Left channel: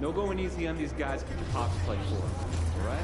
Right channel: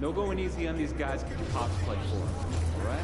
No going easy on these guys because your pops play for them, all right?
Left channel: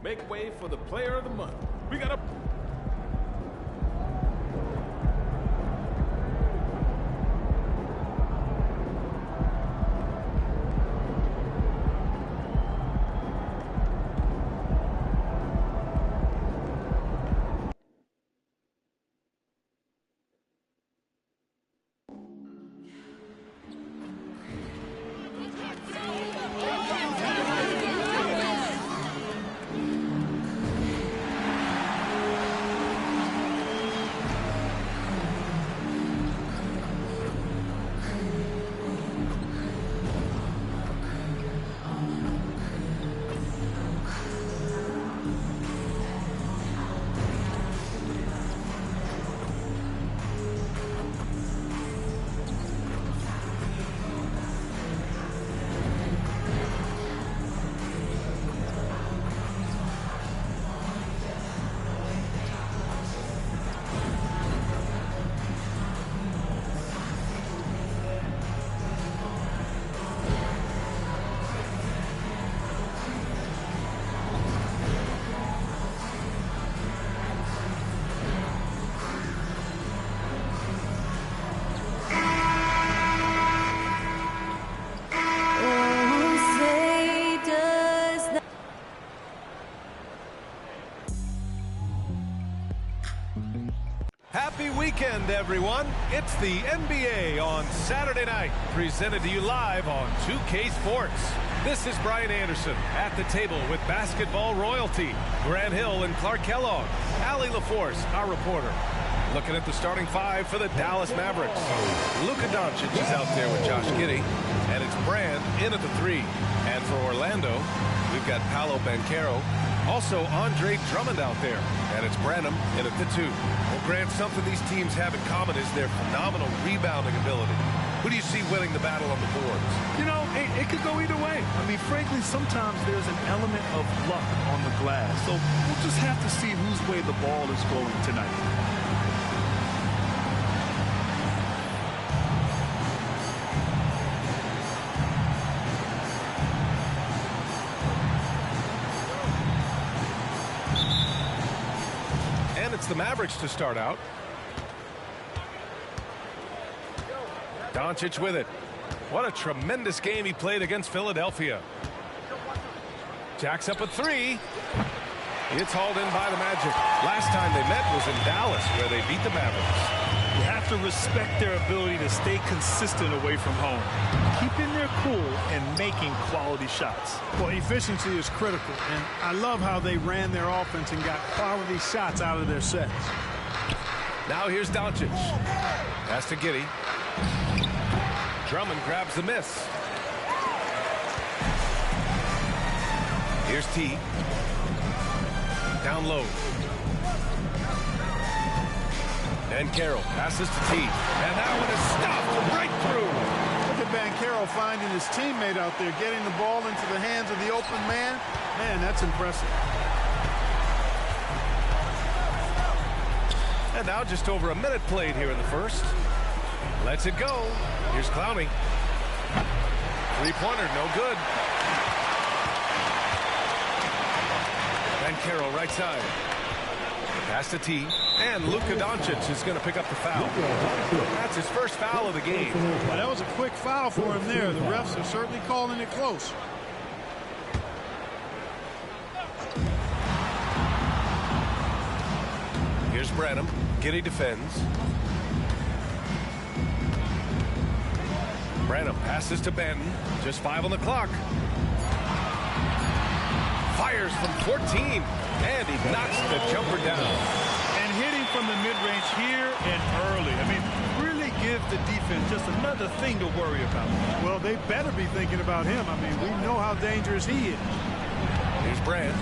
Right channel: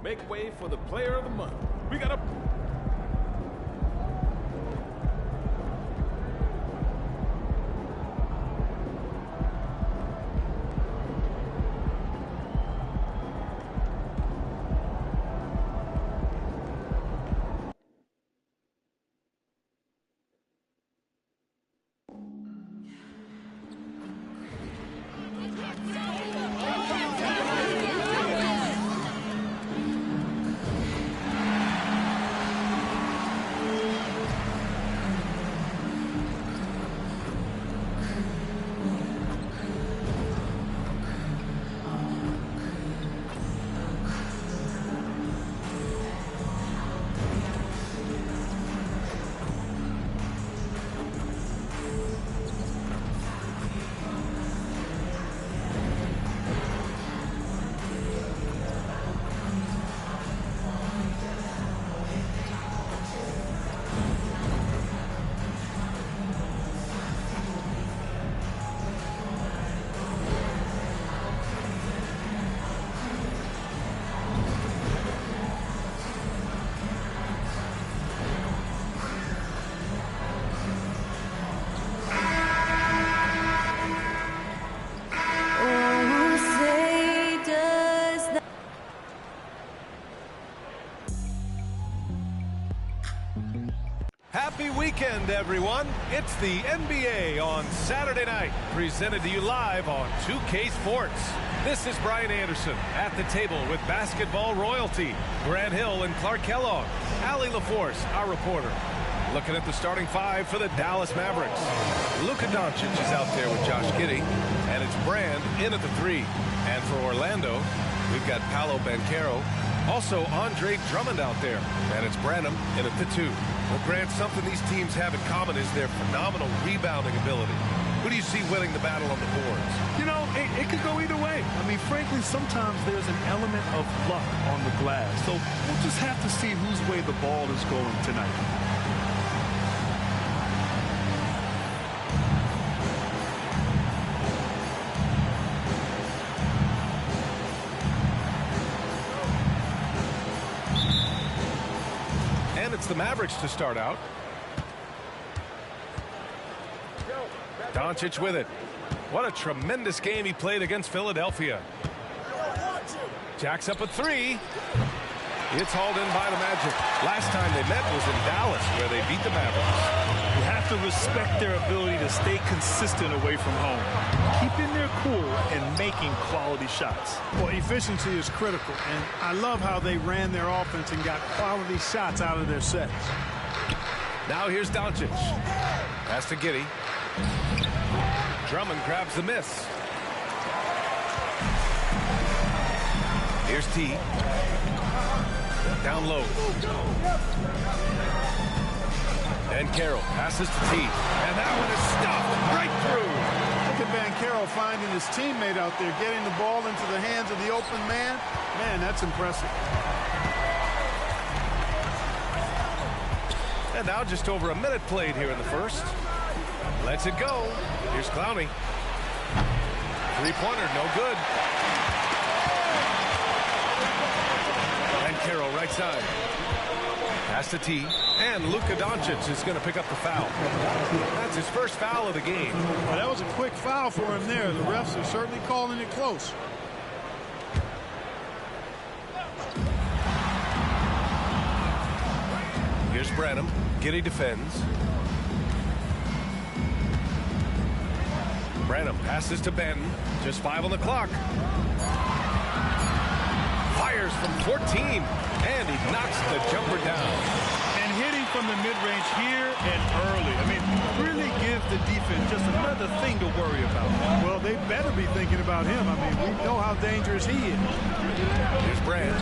Make way for the player of the month. We got a... Happy weekend, everyone. It's the NBA on Saturday night, presented to you live on 2K Sports. This is Brian Anderson at the table with basketball royalty, Grant Hill and Clark Kellogg, Allie LaForce, our reporter. Looking at the starting five for the Dallas Mavericks. Luka Doncic is out there with Josh Giddey, and it's Brand in at the three. And for Orlando, we've got Paolo Banchero, also Andre Drummond out there, and it's Branham in at the two. Well, Grant, something these teams have in common is their phenomenal rebounding ability. Who do you see winning the battle on the boards? You know, it could go either way. I mean, frankly, sometimes there's an element of luck on the glass. So we'll just have to see whose way the ball is going tonight. And it's the Mavericks to start out. Doncic with it. What a tremendous game he played against Philadelphia. Jacks up a three. It's hauled in by the Magic. Last time they met was in Dallas, where they beat the Mavericks. You have to respect their ability to stay consistent away from home, keeping their cool and making quality shots. Well, efficiency is critical, and I love how they ran their offense and got quality shots out of their sets. Now here's Doncic. Pass to Giddey. Drummond grabs the miss. Here's T. Down low. And Carroll passes to T. And that one is stuffed right through. Look at Banchero finding his teammate out there, getting the ball into the hands of the open man. Man, that's impressive. And now just over a minute played here in the first. Lets it go. Here's Clowney. Three-pointer, no good. And Carroll right side. Pass to T. And Luka Doncic is going to pick up the foul. That's his first foul of the game. Well, that was a quick foul for him there. The refs are certainly calling it close. Here's Branham. Giddey defends. Branham passes to Benton. Just 5 on the clock. Fires from 14. And he knocks the jumper down. And hitting from the mid-range here and early. I mean, really give the defense just another thing to worry about. Well, they better be thinking about him. I mean, we know how dangerous he is. Here's Brand.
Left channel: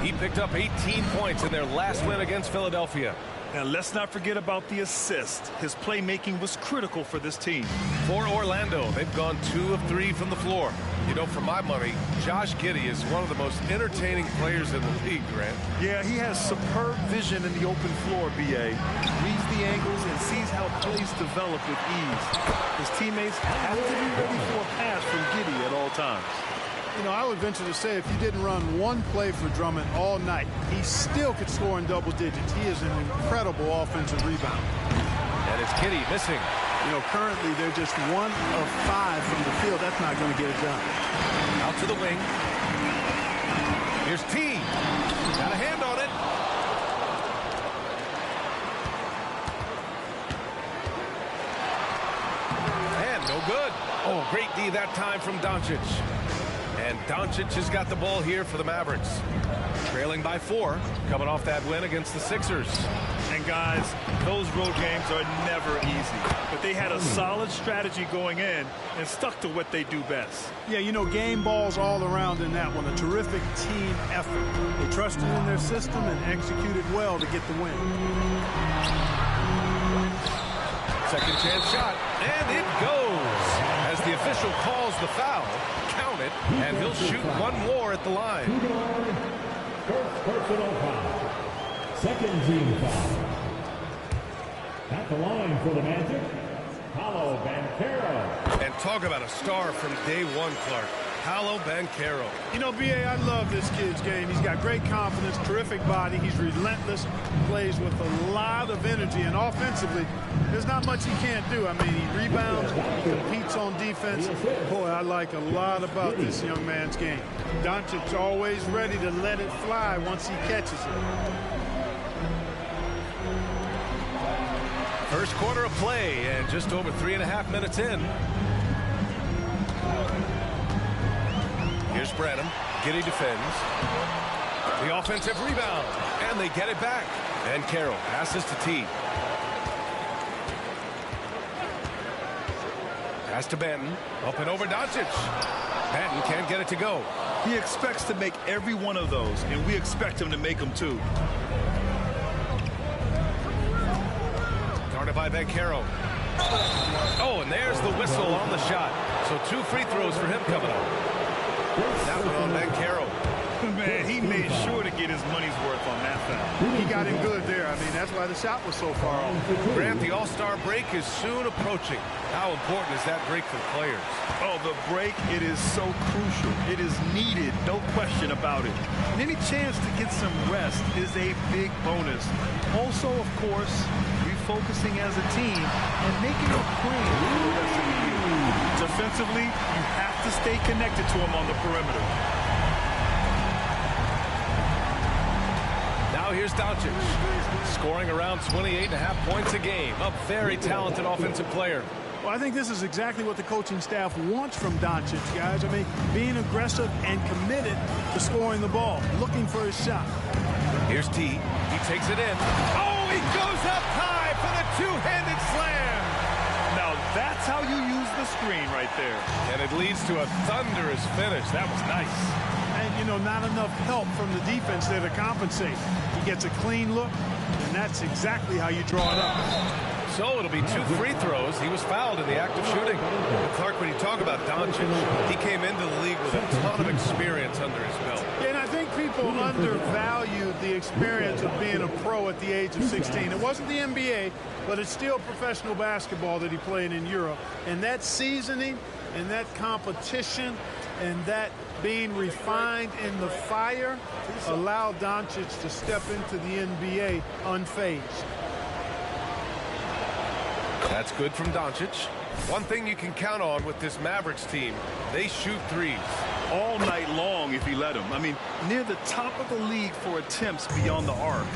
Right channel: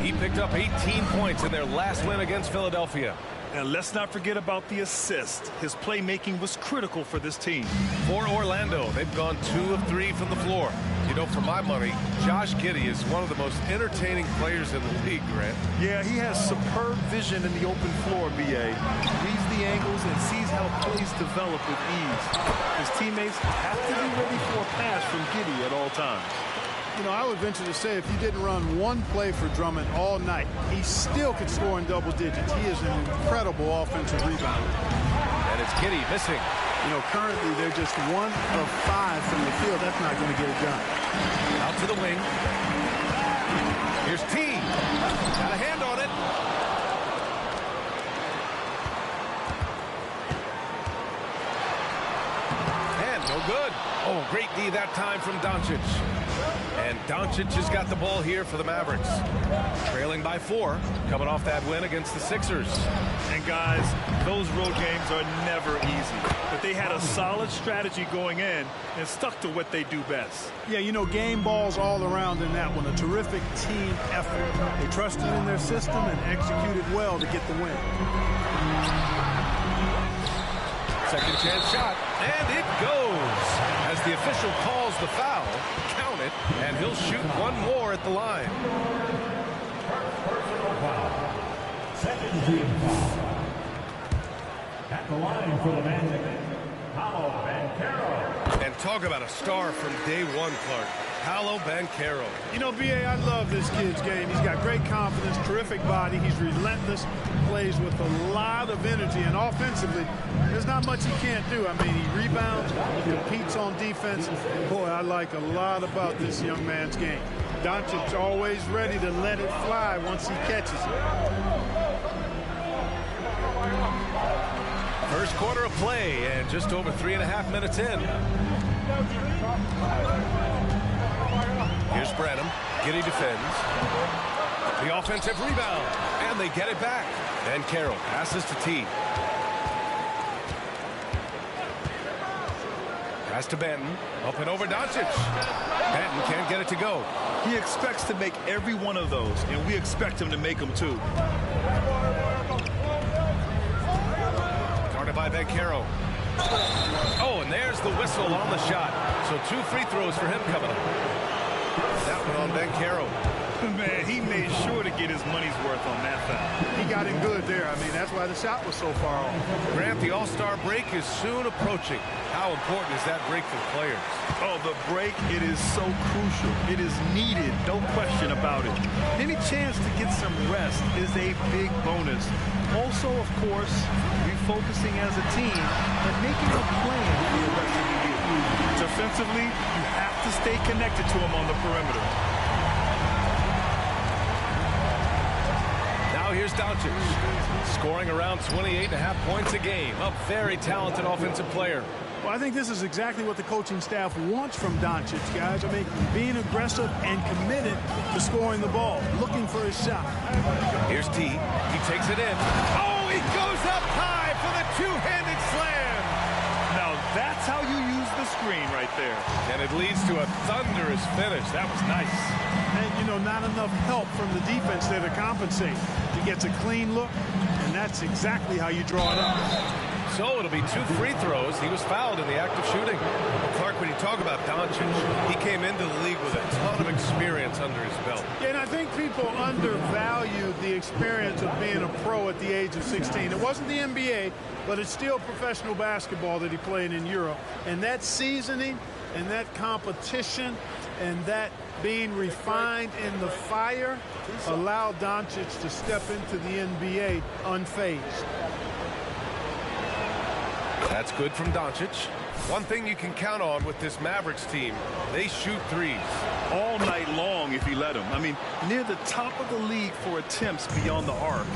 He picked up 18 points in their last win against Philadelphia. And let's not forget about the assist. His playmaking was critical for this team. For Orlando, they've gone 2 of 3 from the floor. You know, for my money, Josh Giddey is one of the most entertaining players in the league, Grant. Yeah, he has superb vision in the open floor, B.A. Reads the angles and sees how plays develop with ease. His teammates have to be ready for a pass from Giddey at all times. You know, I would venture to say if you didn't run one play for Drummond all night, he still could score in double digits. He is an incredible offensive rebounder. And it's Giddey missing. You know, currently they're just 1 of 5 from the field. That's not going to get it done. Out to the wing. Here's T. Got a hand on it. And no good. Oh, great D that time from Doncic. And Doncic has got the ball here for the Mavericks. Trailing by 4, coming off that win against the Sixers. And guys, those road games are never easy. But they had a solid strategy going in and stuck to what they do best. Yeah, you know, game balls all around in that one. A terrific team effort. They trusted in their system and executed well to get the win. Second chance shot, and it goes. As the official calls the foul, count it, and he'll shoot one more at the line. First personal foul. Second team foul. At the line for the Magic, Paolo Banchero. And talk about a star from day one, Clark. Paolo Banchero. You know, B.A., I love this kid's game. He's got great confidence, terrific body. He's relentless, plays with a lot of energy, and offensively, there's not much he can't do. I mean, he rebounds, he competes on defense. Boy, I like a lot about this young man's game. Doncic's always ready to let it fly once he catches it. First quarter of play, and just over 3.5 minutes in. Here's Branham. Giddey defends. The offensive rebound, and they get it back. And Carroll passes to T. Pass to Benton. Up and over Doncic. Benton can't get it to go. He expects to make every one of those, and we expect him to make them too. Guarded by Banchero. Oh, and there's the whistle on the shot. So 2 free throws for him coming up. That one on Banchero. Man, he made sure to get his money's worth on that foul. He got him good there. I mean, that's why the shot was so far off. Grant, the All-Star break is soon approaching. How important is that break for the players? Oh, the break, it is so crucial. It is needed, no question about it. And any chance to get some rest is a big bonus. Also, of course, refocusing as a team and making a plan for the rest of the year. Defensively, you have to stay connected to him on the perimeter. Now here's Doncic, scoring around 28.5 points a game. A very talented offensive player. Well, I think this is exactly what the coaching staff wants from Doncic, guys. I mean, being aggressive and committed to scoring the ball, looking for his shot. Here's T. He takes it in. Oh, he goes up high for the two-handed slam. Now, that's how you use the screen right there. And it leads to a thunderous finish. That was nice. And, you know, not enough help from the defense there to compensate. He gets a clean look, and that's exactly how you draw it up. So it'll be 2 free throws. He was fouled in the act of shooting. Well, Clark, when you talk about Doncic, he came into the league with a ton of experience under his belt. Yeah, and I think people undervalued the experience of being a pro at the age of 16. It wasn't the NBA, but it's still professional basketball that he played in Europe. And that seasoning and that competition and that being refined in the fire allowed Doncic to step into the NBA unfazed. That's good from Doncic. One thing you can count on with this Mavericks team, they shoot threes. All night long if he let them. I mean, near the top of the league for attempts beyond the arc.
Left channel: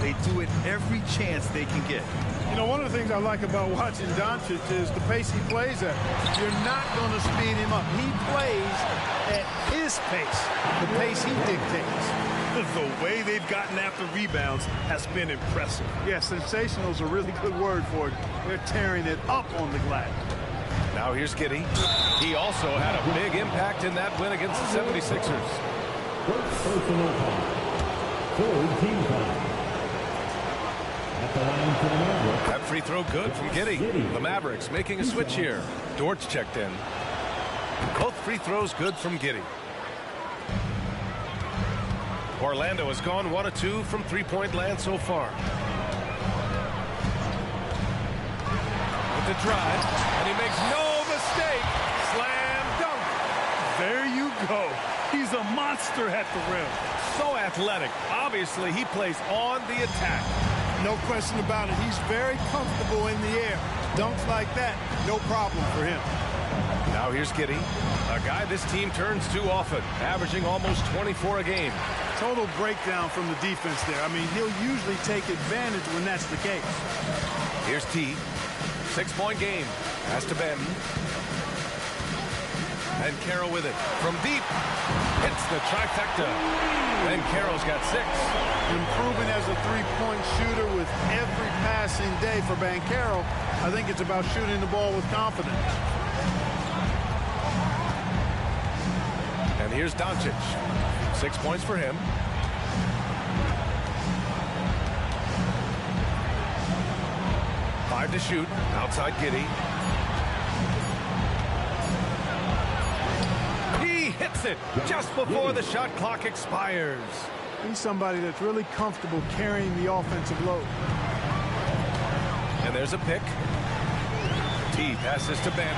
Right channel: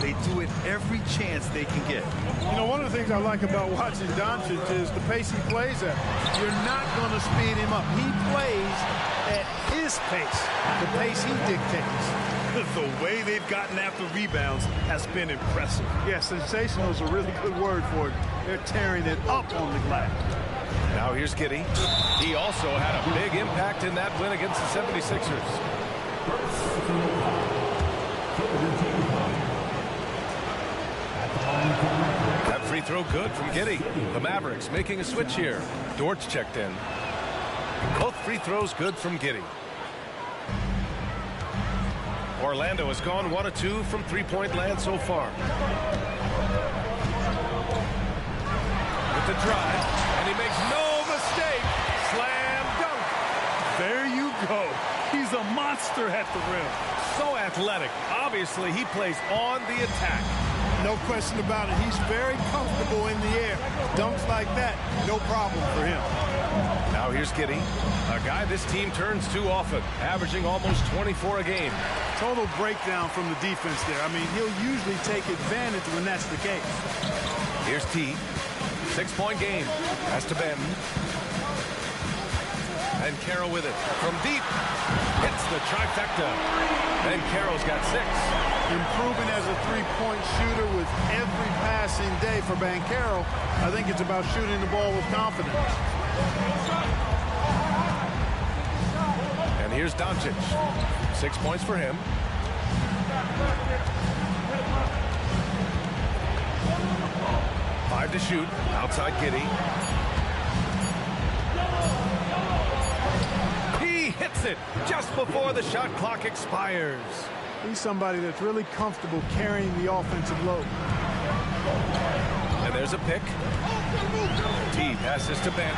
They do it every chance they can get. You know, one of the things I like about watching Doncic is the pace he plays at. You're not going to speed him up. He plays at his pace, the pace he dictates. The way they've gotten after rebounds has been impressive. Yeah, sensational is a really good word for it. They're tearing it up on the glass. Now here's Giddey. He also had a big impact in that win against the 76ers. That free throw good from Giddey. The Mavericks making a switch here. Dortch checked in. Both free throws good from Giddey. Orlando has gone 1 of 2 from three-point land so far. With the drive, and he makes no mistake. Slam dunk. There you go. He's a monster at the rim. So athletic. Obviously, he plays on the attack. No question about it. He's very comfortable in the air. Dunks like that, no problem for him. Now here's Giddey, a guy this team turns to often, averaging almost 24 a game. Total breakdown from the defense there. I mean, he'll usually take advantage when that's the case. Here's T. 6-point game. Pass to Ben. And Carroll with it. From deep. Hits the trifecta. And Carroll's got 6. Improving as a three-point shooter with every passing day for Banchero. I think it's about shooting the ball with confidence. And here's Doncic. 6 points for him. Five to shoot. Outside Giddey. He hits it just before the shot clock expires. He's somebody that's really comfortable carrying the offensive load. And there's a pick. T passes to Ben.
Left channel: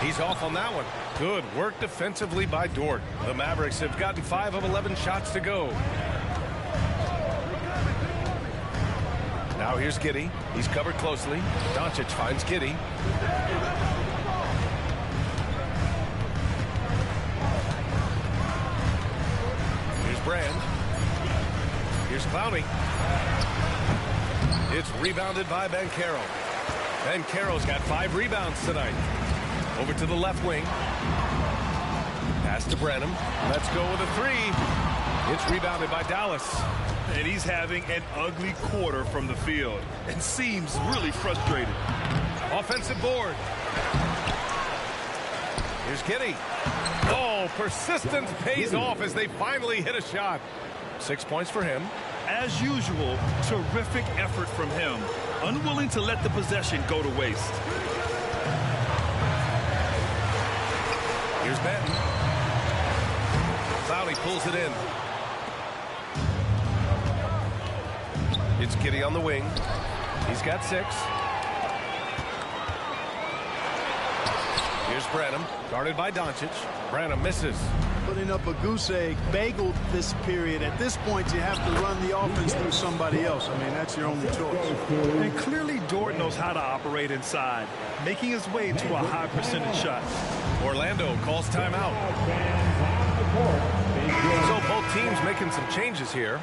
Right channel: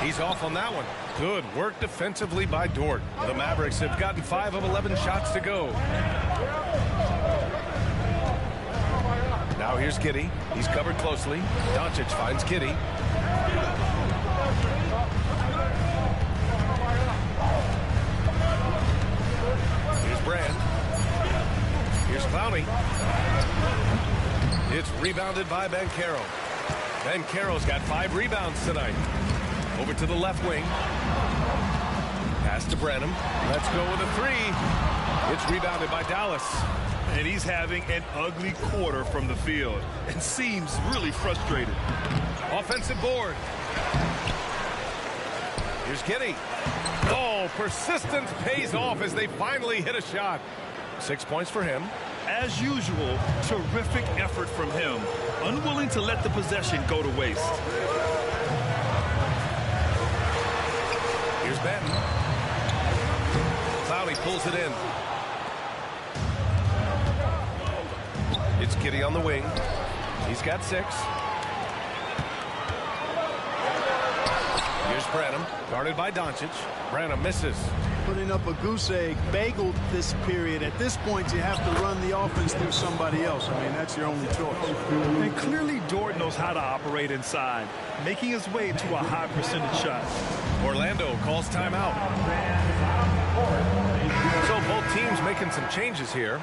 He's off on that one. Good work defensively by Dort. The Mavericks have gotten 5 of 11 shots to go. Now here's Giddey. He's covered closely. Doncic finds Giddey. Here's Brand. Here's Clowney. It's rebounded by Banchero. Banchero's got 5 rebounds tonight. Over to the left wing. Pass to Branham. Let's go with a 3. It's rebounded by Dallas. And he's having an ugly quarter from the field and seems really frustrated. Offensive board. Here's Giddey. Oh, persistence pays off as they finally hit a shot. 6 points for him. As usual, terrific effort from him. Unwilling to let the possession go to waste. Here's Benton. Clowney pulls it in. It's Giddey on the wing. He's got 6. Here's Branham, guarded by Doncic. Branham misses. Putting up a goose egg, bageled this period. At this point, you have to run the offense through somebody else. I mean, that's your only choice. And clearly, Dort knows how to operate inside, making his way to a high percentage shot. Orlando calls timeout. So both teams making some changes here.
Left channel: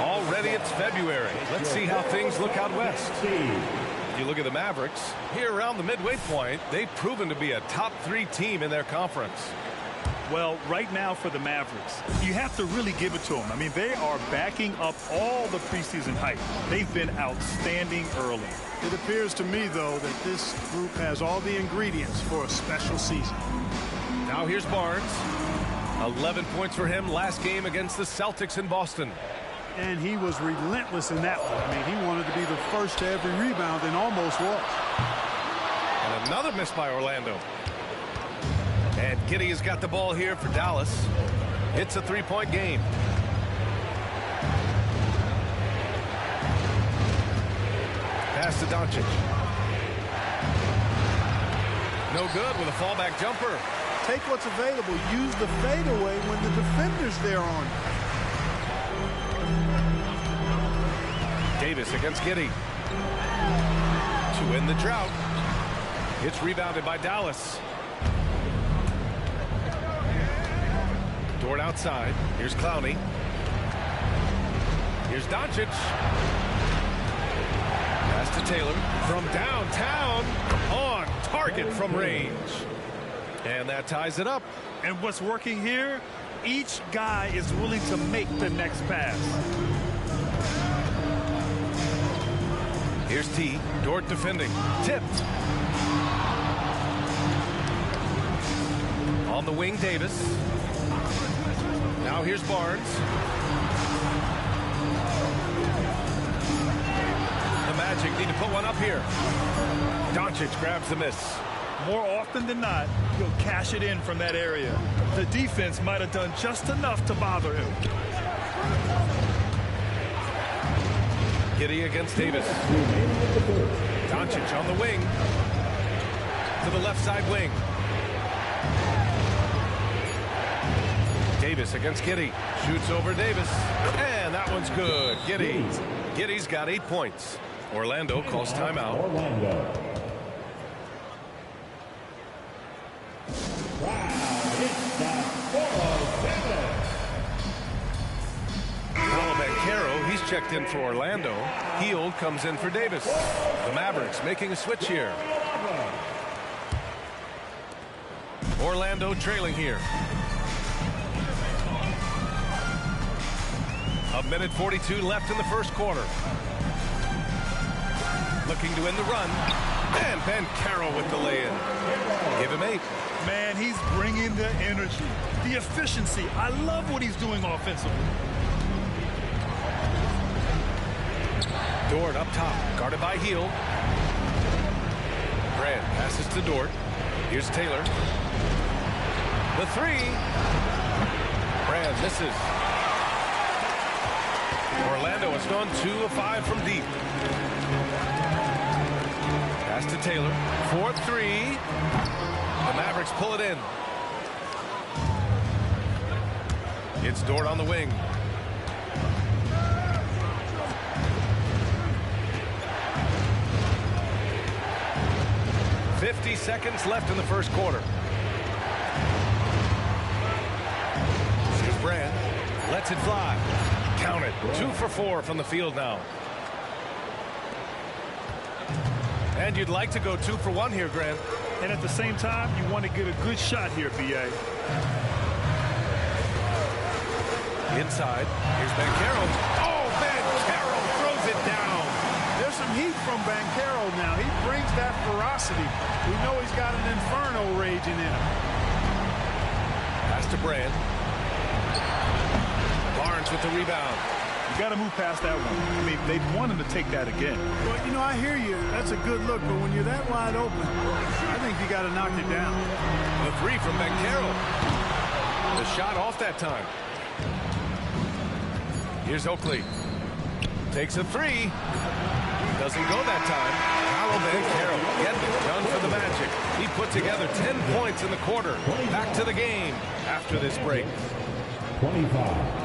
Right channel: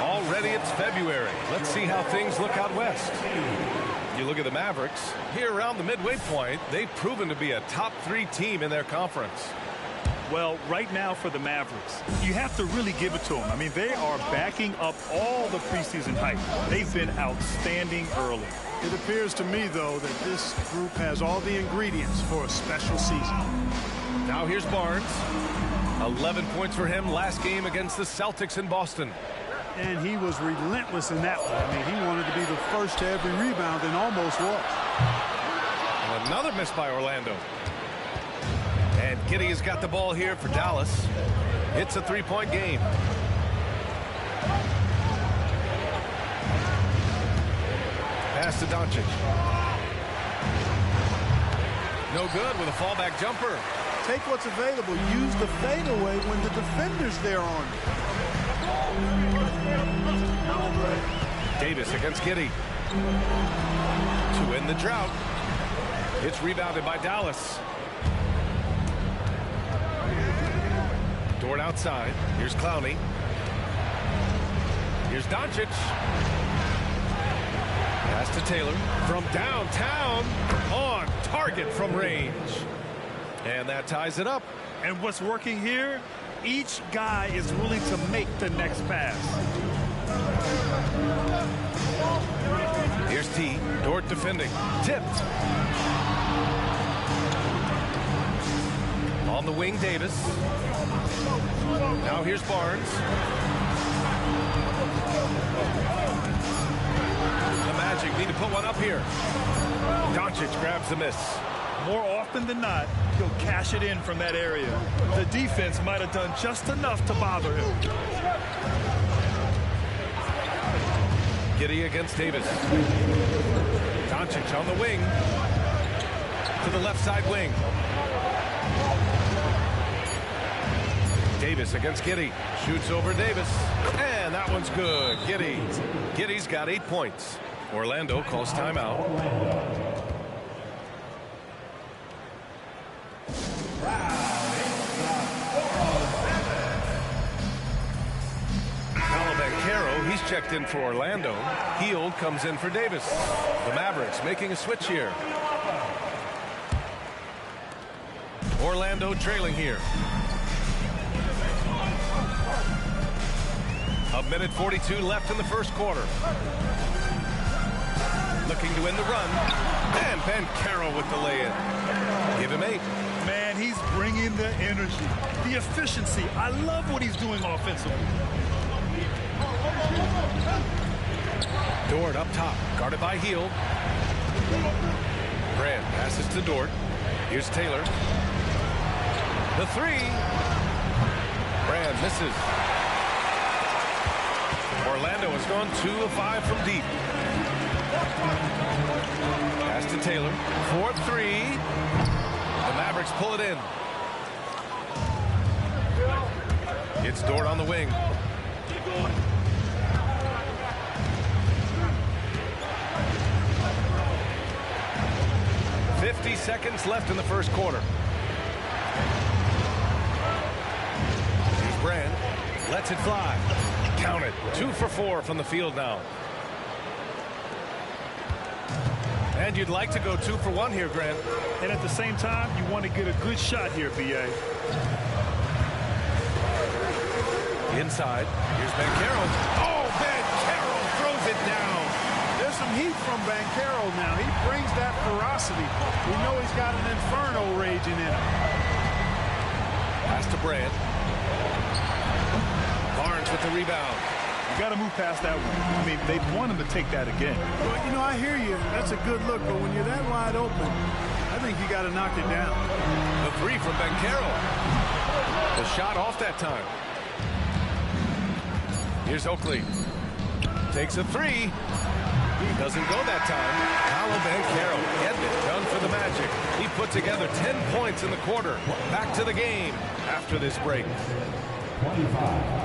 Already it's February. Let's see how things look out west. You look at the Mavericks. Here around the midway point, they've proven to be a top 3 team in their conference. Well, right now for the Mavericks, you have to really give it to them. I mean, they are backing up all the preseason hype. They've been outstanding early. It appears to me, though, that this group has all the ingredients for a special season. Now here's Barnes. 11 points for him last game against the Celtics in Boston. And he was relentless in that one. I mean, he wanted to be the first to every rebound and almost was. And another miss by Orlando. And Giddey has got the ball here for Dallas. It's a three-point game. Pass to Doncic. No good with a fallback jumper. Take what's available. Use the fadeaway when the defender's there on you. Davis against Giddey. To end the drought. It's rebounded by Dallas. Dort outside. Here's Clowney. Here's Doncic. Pass to Taylor from downtown, on target from range. And that ties it up. And what's working here, each guy is willing to make the next pass. Here's T. Dort defending. Tipped. On the wing, Davis. Now here's Barnes. The Magic need to put one up here. Doncic grabs the miss. More often than not, he'll cash it in from that area. The defense might have done just enough to bother him. Giddey against Davis. Doncic on the wing. To the left side wing. Davis against Giddey. Shoots over Davis. And that one's good. Giddey's got 8 points. Orlando calls timeout. Bancaro, he's checked in for Orlando. Hield comes in for Davis. The Mavericks making a switch here. Orlando trailing here. A minute 42 left in the first quarter. Looking to end the run. And Bancaro with the lay-in. Give him 8. Man, he's bringing the energy, the efficiency. I love what he's doing offensively. Dort up top, guarded by Hield. Brand passes to Dort. Here's Taylor. The three. Brand misses. Orlando has gone 2 of 5 from deep. Pass to Taylor. 4-3. The Mavericks pull it in. It's Dort on the wing. .50 seconds left in the first quarter. Here's Brand. Lets it fly. Count it. 2 for 4 from the field now. And you'd like to go 2 for 1 here, Grant. And at the same time, you want to get a good shot here, B.A. Inside. Here's Bancaro. Oh, Bancaro throws it down. There's some heat from Bancaro now. He brings that ferocity. We know he's got an inferno raging in him. Pass to Brand. Barnes with the rebound. You got to move past that one. I mean, they'd want him to take that again. Well, you know, I hear you. That's a good look, but when you're that wide open, I think you got to knock it down. The three from Bancaro. The shot off that time. Here's Oakley. Takes a three. Doesn't go that time. Paolo Bancaro getting it done for the Magic. He put together 10 points in the quarter. Back to the game after this break. 25.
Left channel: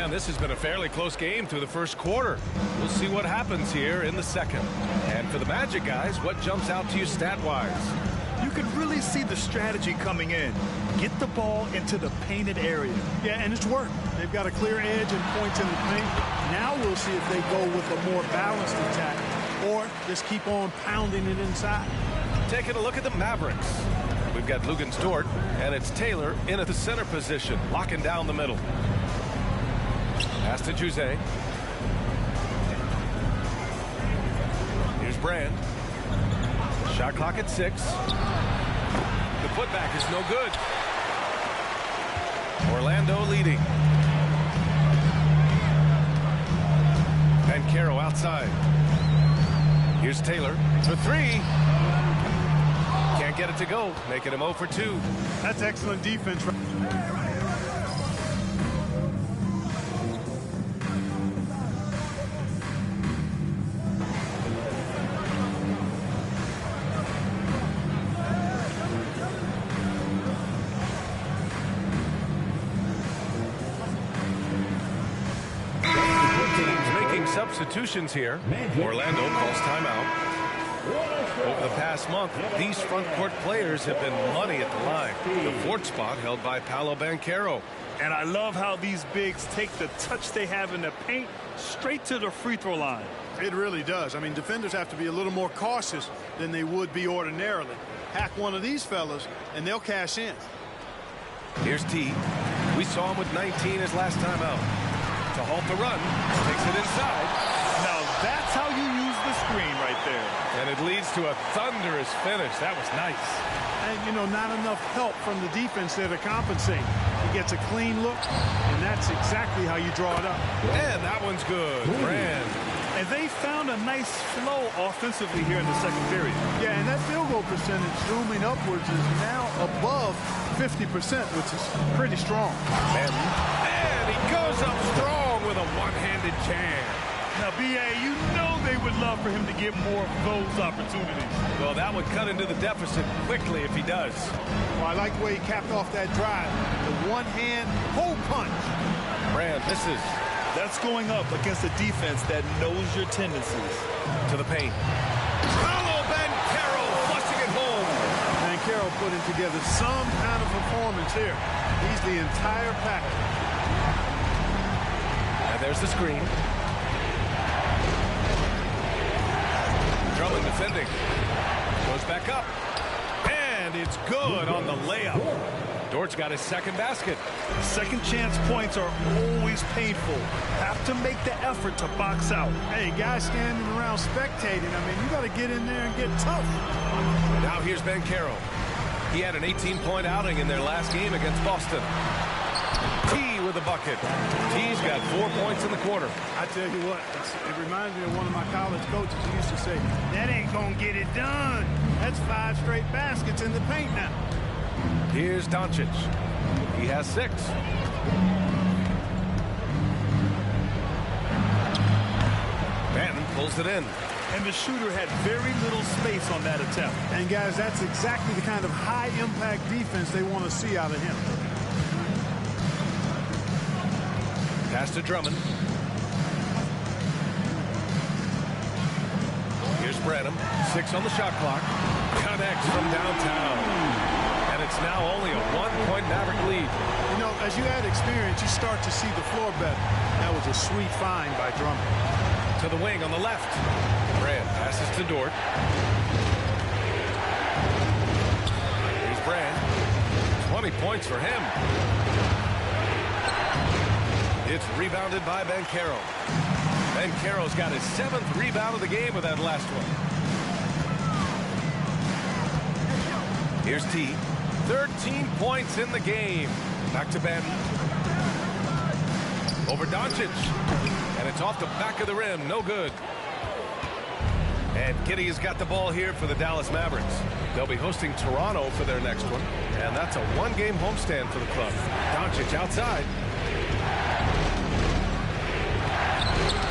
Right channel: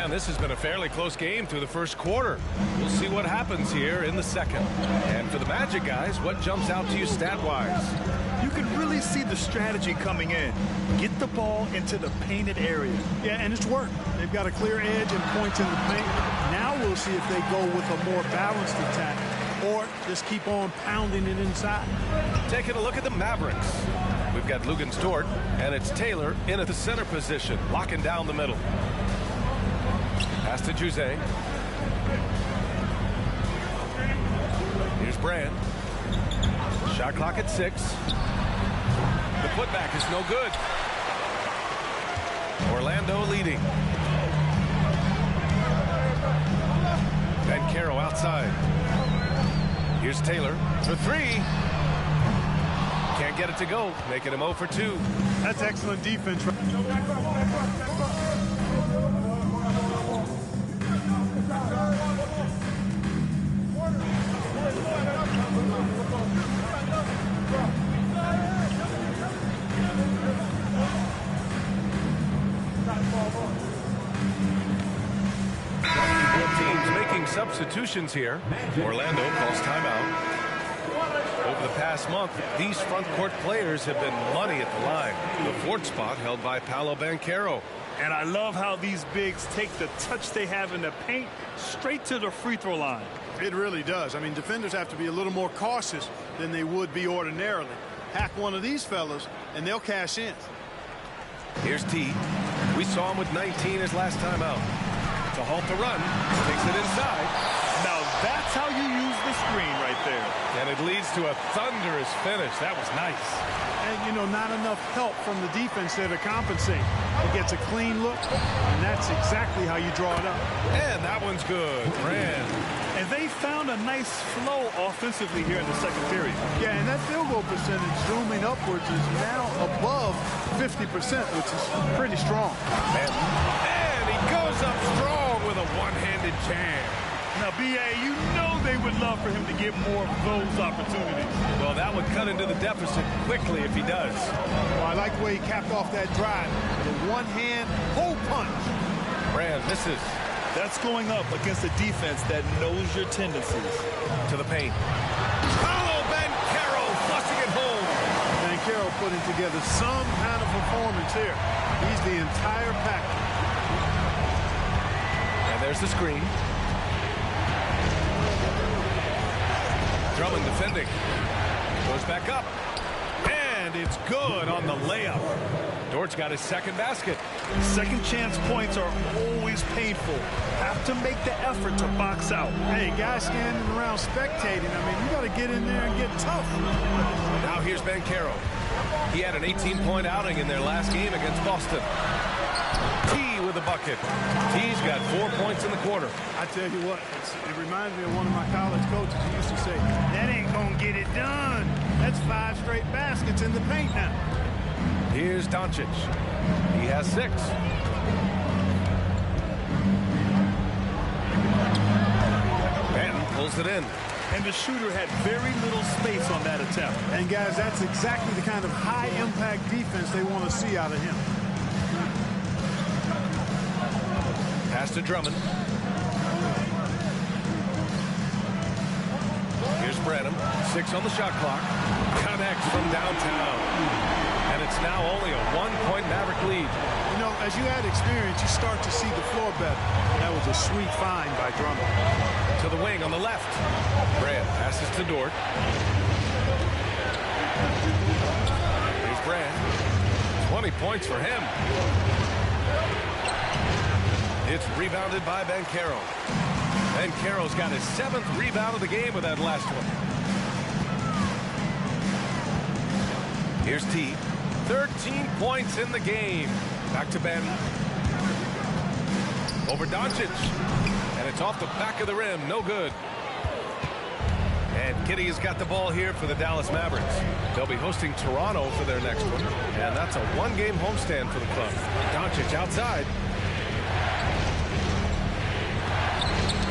And this has been a fairly close game through the first quarter. We'll see what happens here in the second. And for the Magic guys, what jumps out to you stat-wise? You can really see the strategy coming in. Get the ball into the painted area. Yeah, and it's worked. They've got a clear edge and points in the paint. Now we'll see if they go with a more balanced attack or just keep on pounding it inside. Taking a look at the Mavericks. We've got Lugens Dort, and it's Taylor in at the center position, locking down the middle. Pass to Juzang. Here's Brand. Shot clock at 6. The putback is no good. Orlando leading. Banchero outside. Here's Taylor for 3. Can't get it to go, making him 0 for 2. That's excellent defense. Substitutions here. Orlando calls timeout. Over the past month, these front court players have been money at the line. The 4th spot held by Paolo Banchero. And I love how these bigs take the touch they have in the paint straight to the free throw line. It really does. I mean, defenders have to be a little more cautious than they would be ordinarily. Hack one of these fellas, and they'll cash in. Here's T. We saw him with 19 his last time out. To halt the run, takes it inside. Now that's how you use the screen right there. And it leads to a thunderous finish. That was nice. And, you know, not enough help from the defense there to compensate. He gets a clean look, and that's exactly how you draw it up. And that one's good. Brand. And they found a nice flow offensively here in the second period. Yeah, and that field goal percentage zooming upwards is now above 50%, which is pretty strong. And he goes up strong with a one-handed jam. Now, B.A., you know they would love for him to get more of those opportunities. Well, that would cut into the deficit quickly if he does. Well, I like the way he capped off that drive. The one-hand hole punch. Brand misses. That's going up against a defense that knows your tendencies. To the paint. Paolo Banchero flushing it home. Banchero putting together some kind of performance here. He's the entire package. And there's the screen. Drummond defending. Goes back up. And it's good on the layup. Dort's got his second basket. Second chance points are always painful. Have to make the effort to box out. Hey, guys standing around spectating. I mean, you got to get in there and get tough. Now here's Banchero. He had an 18-point outing in their last game against Boston. T with a bucket. T's got 4 points in the quarter. I tell you what, it reminds me of one of my college coaches who used to say, that ain't going to get it done. That's 5 straight baskets in the paint now. Here's Doncic. He has 6. Banton pulls it in. And the shooter had very little space on that attempt. And guys, that's exactly the kind of high-impact defense they want to see out of him. Pass to Drummond. Here's Branham. 6 on the shot clock. Connects from downtown. And it's now only a 1-point Maverick lead. You know, as you add experience, you start to see the floor better. That was a sweet find by Drummond. To the wing on the left. Brand passes to Dort. Here's Brand. 20 points for him. It's rebounded by Banchero. Banchero's got his 7th rebound of the game with that last one. Here's T. 13 points in the game. Back to Banton. Over Doncic. And it's off the back of the rim. No good. And Giddey has got the ball here for the Dallas Mavericks. They'll be hosting Toronto for their next one. And that's a 1-game homestand for the club. Doncic outside.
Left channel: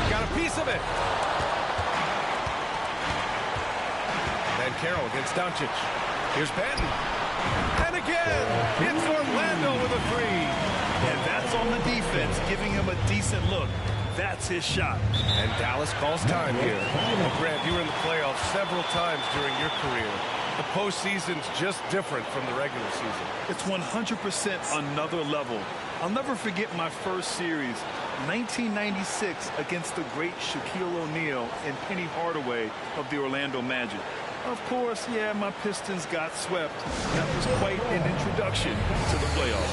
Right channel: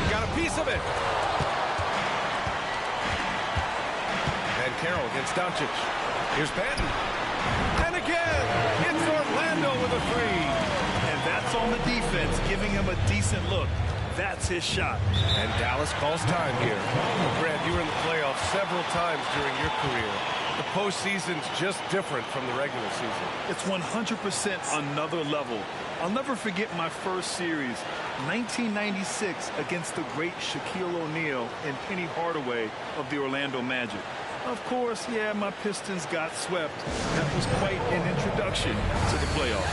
Got a piece of it. Banchero against Doncic. Here's Banton. And again, it's Orlando with a three. And that's on the defense, giving him a decent look. That's his shot. And Dallas calls time here. Well, Grant, you were in the playoffs several times during your career. The postseason's just different from the regular season. It's 100% another level. I'll never forget my first series, 1996, against the great Shaquille O'Neal and Penny Hardaway of the Orlando Magic. Of course, yeah, my Pistons got swept. That was quite an introduction to the playoffs.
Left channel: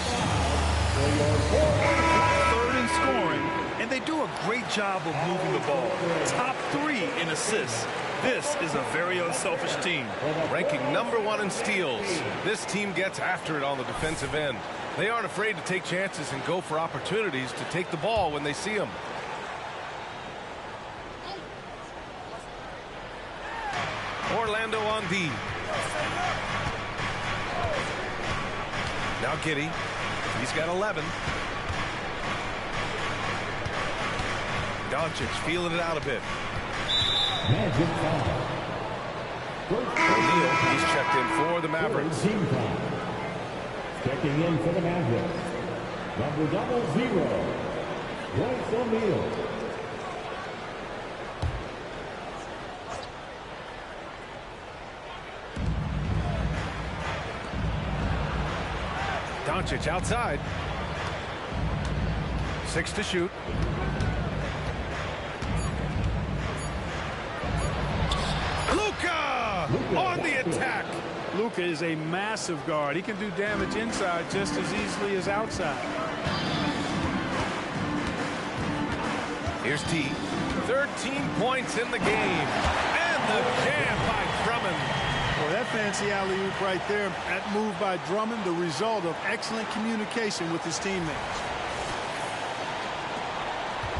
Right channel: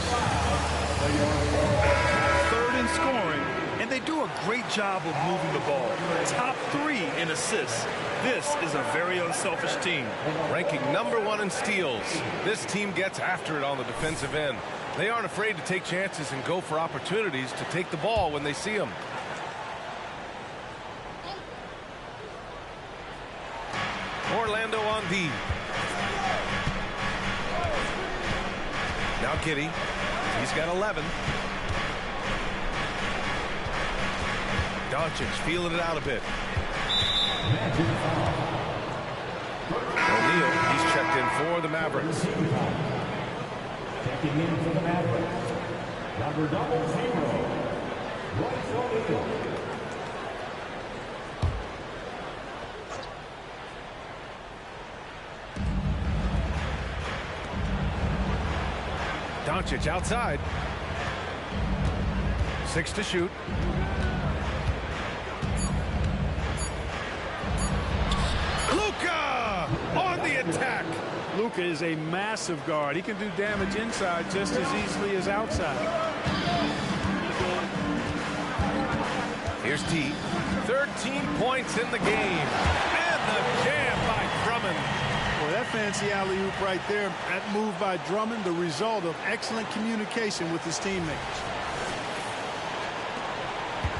Third in scoring, and they do a great job of moving the ball. Top 3 in assists. This is a very unselfish team. Ranking #1 in steals. This team gets after it on the defensive end. They aren't afraid to take chances and go for opportunities to take the ball when they see them. Orlando on D. Now Giddey. He's got 11. Doncic feeling it out a bit. O'Neal, he's checked in for the Mavericks. Checking in for the Mavericks, number 00, Royce O'Neal. Doncic outside. 6 to shoot. Luka on the attack. Luka is a massive guard. He can do damage inside just as easily as outside. Here's T. 13 points in the game. And the jam by Drummond. Boy, that fancy alley-oop right there, that move by Drummond, the result of excellent communication with his teammates.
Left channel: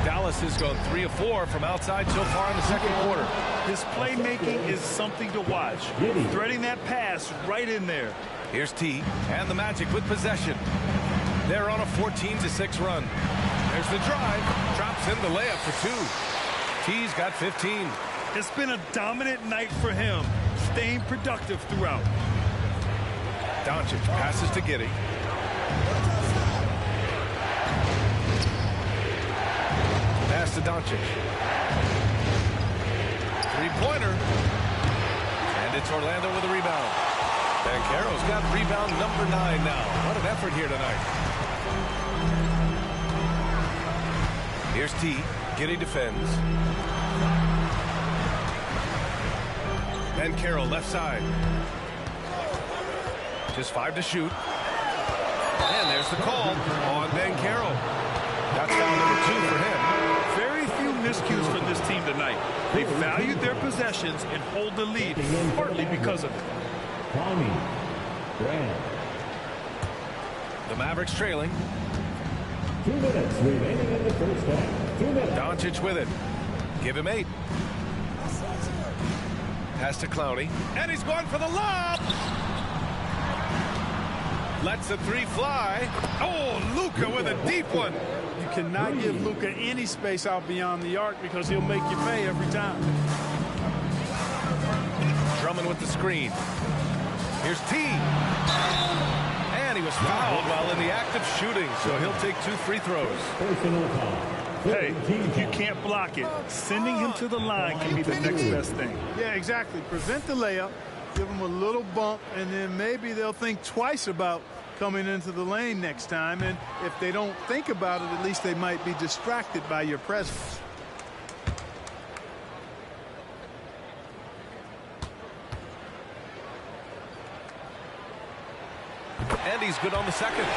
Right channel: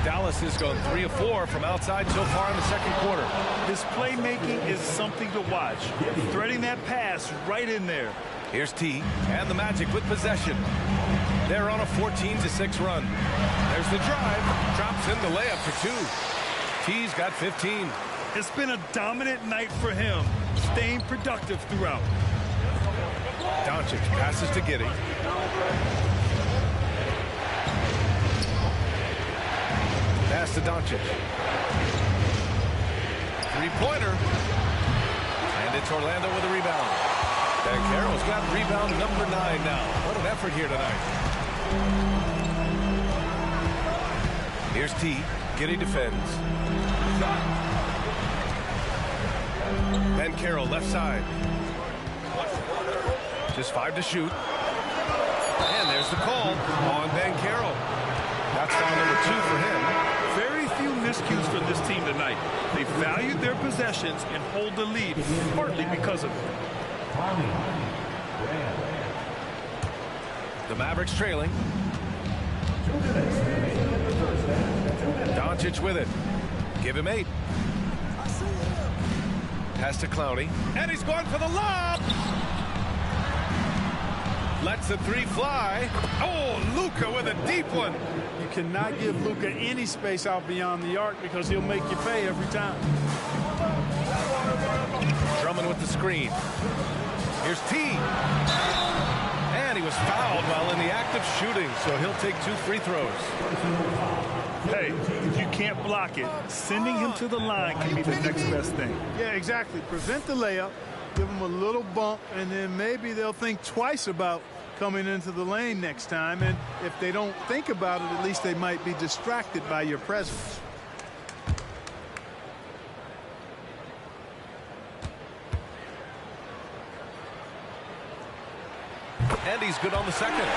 Dallas has gone 3 of 4 from outside so far in the second quarter. His playmaking is something to watch. Threading that pass right in there. Here's T and the Magic with possession. They're on a 14-6 run. There's the drive. Drops in the layup for 2. T's got 15. It's been a dominant night for him, staying productive throughout. Doncic passes to Giddey. Pass to Doncic. Three-pointer. And it's Orlando with a rebound. Banchero's got rebound number 9 now. What an effort here tonight. Here's T. Giddey defends. Banchero left side. Just 5 to shoot. And there's the call on Banchero. That's foul number 2 for him. Very few miscues for this team tonight. They valued their possessions and hold the lead, partly because of it. The Mavericks trailing. 2 minutes remaining in the first half. 2 minutes. Doncic with it. Give him 8. Pass to Clowney. And he's going for the lob. Lets the 3 fly. Oh, Luka with a deep one. You cannot give Luka any space out beyond the arc because he'll make you pay every time. Drummond with the screen. Here's T. And he was fouled while in the act of shooting, so he'll take 2 free throws. Hey, if you can't block it, sending him to the line can be the next best thing. Yeah, exactly. Prevent the layup, give them a little bump, and then maybe they'll think twice about coming into the lane next time. And if they don't think about it, at least they might be distracted by your presence. And he's good on the second.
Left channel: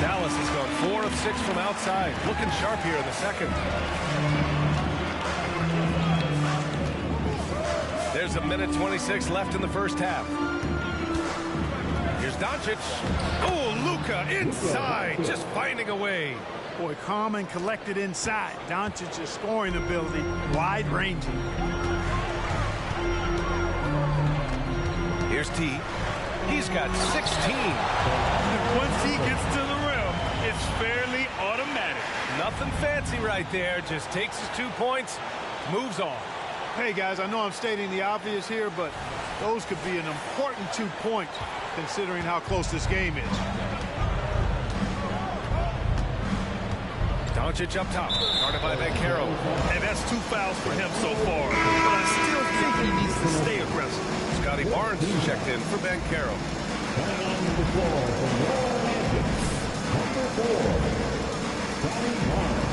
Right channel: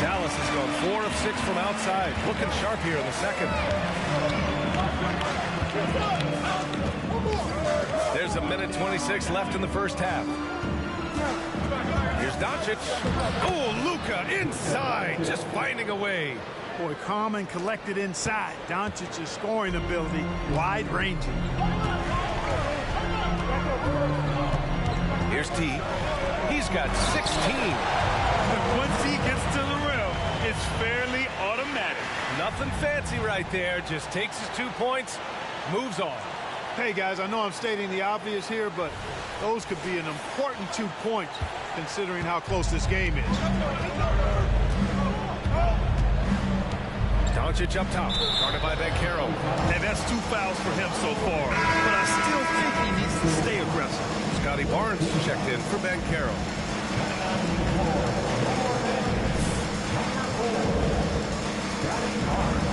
Dallas has gone 4 of 6 from outside. Looking sharp here in the second. There's 1:26 left in the first half. Here's Doncic. Oh, Luka inside, just finding a way. Boy, calm and collected inside. Doncic's scoring ability, wide-ranging. Here's T. He's got 16. And once he gets to the rim, it's fairly automatic. Nothing fancy right there. Just takes his 2 points, moves on. Hey, guys, I know I'm stating the obvious here, but Those could be an important 2 points considering how close this game is. Doncic up top, guarded by Bankero. And that's 2 fouls for him so far. But I still think he needs to stay aggressive. Scotty Barnes checked in for Bankero. Coming onto the floor from Yellow Magic, number 4, Scotty Barnes.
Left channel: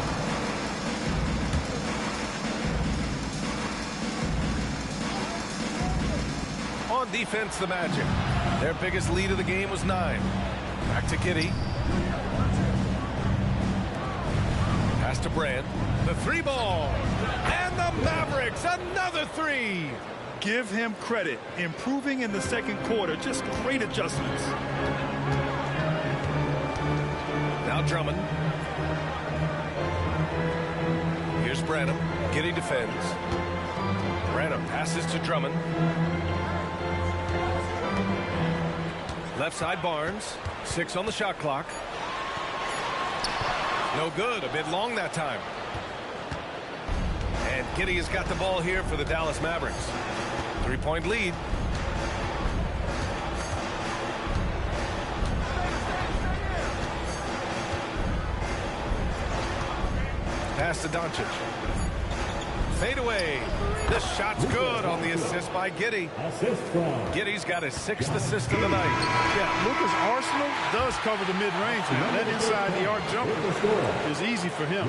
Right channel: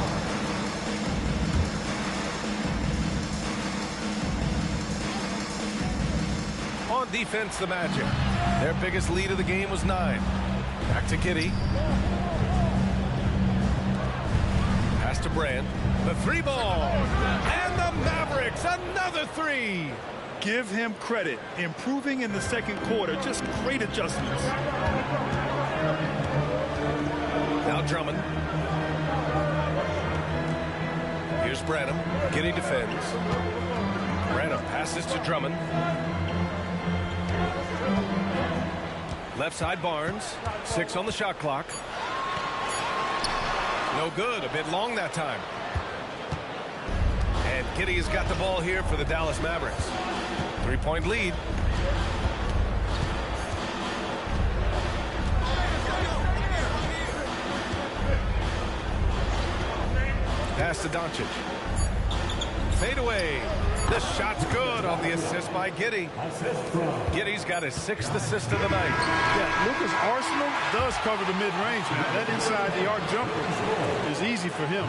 On defense, the Magic. Their biggest lead of the game was 9. Back to Giddey. Pass to Brand. The 3-ball. And the Mavericks, another 3. Give him credit. Improving in the second quarter. Just great adjustments. Now Drummond. Here's Branham. Giddey defends. Branham passes to Drummond. Left side Barnes. 6 on the shot clock. No good. A bit long that time. And Giddey has got the ball here for the Dallas Mavericks. 3-point lead. Pass to Doncic. Fade away. This shot's good on the assist by Giddey. Assist from Giddey's got his 6th assist of the night. Yeah, Lucas Arsenal does cover the mid-range. That inside the arc jumper is easy for him.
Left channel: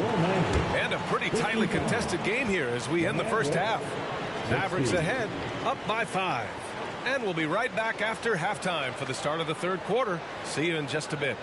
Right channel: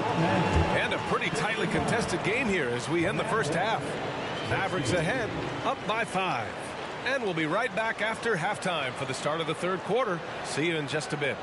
And a pretty tightly contested game here as we end the first half. Mavericks ahead, up by 5. And we'll be right back after halftime for the start of the third quarter. See you in just a bit.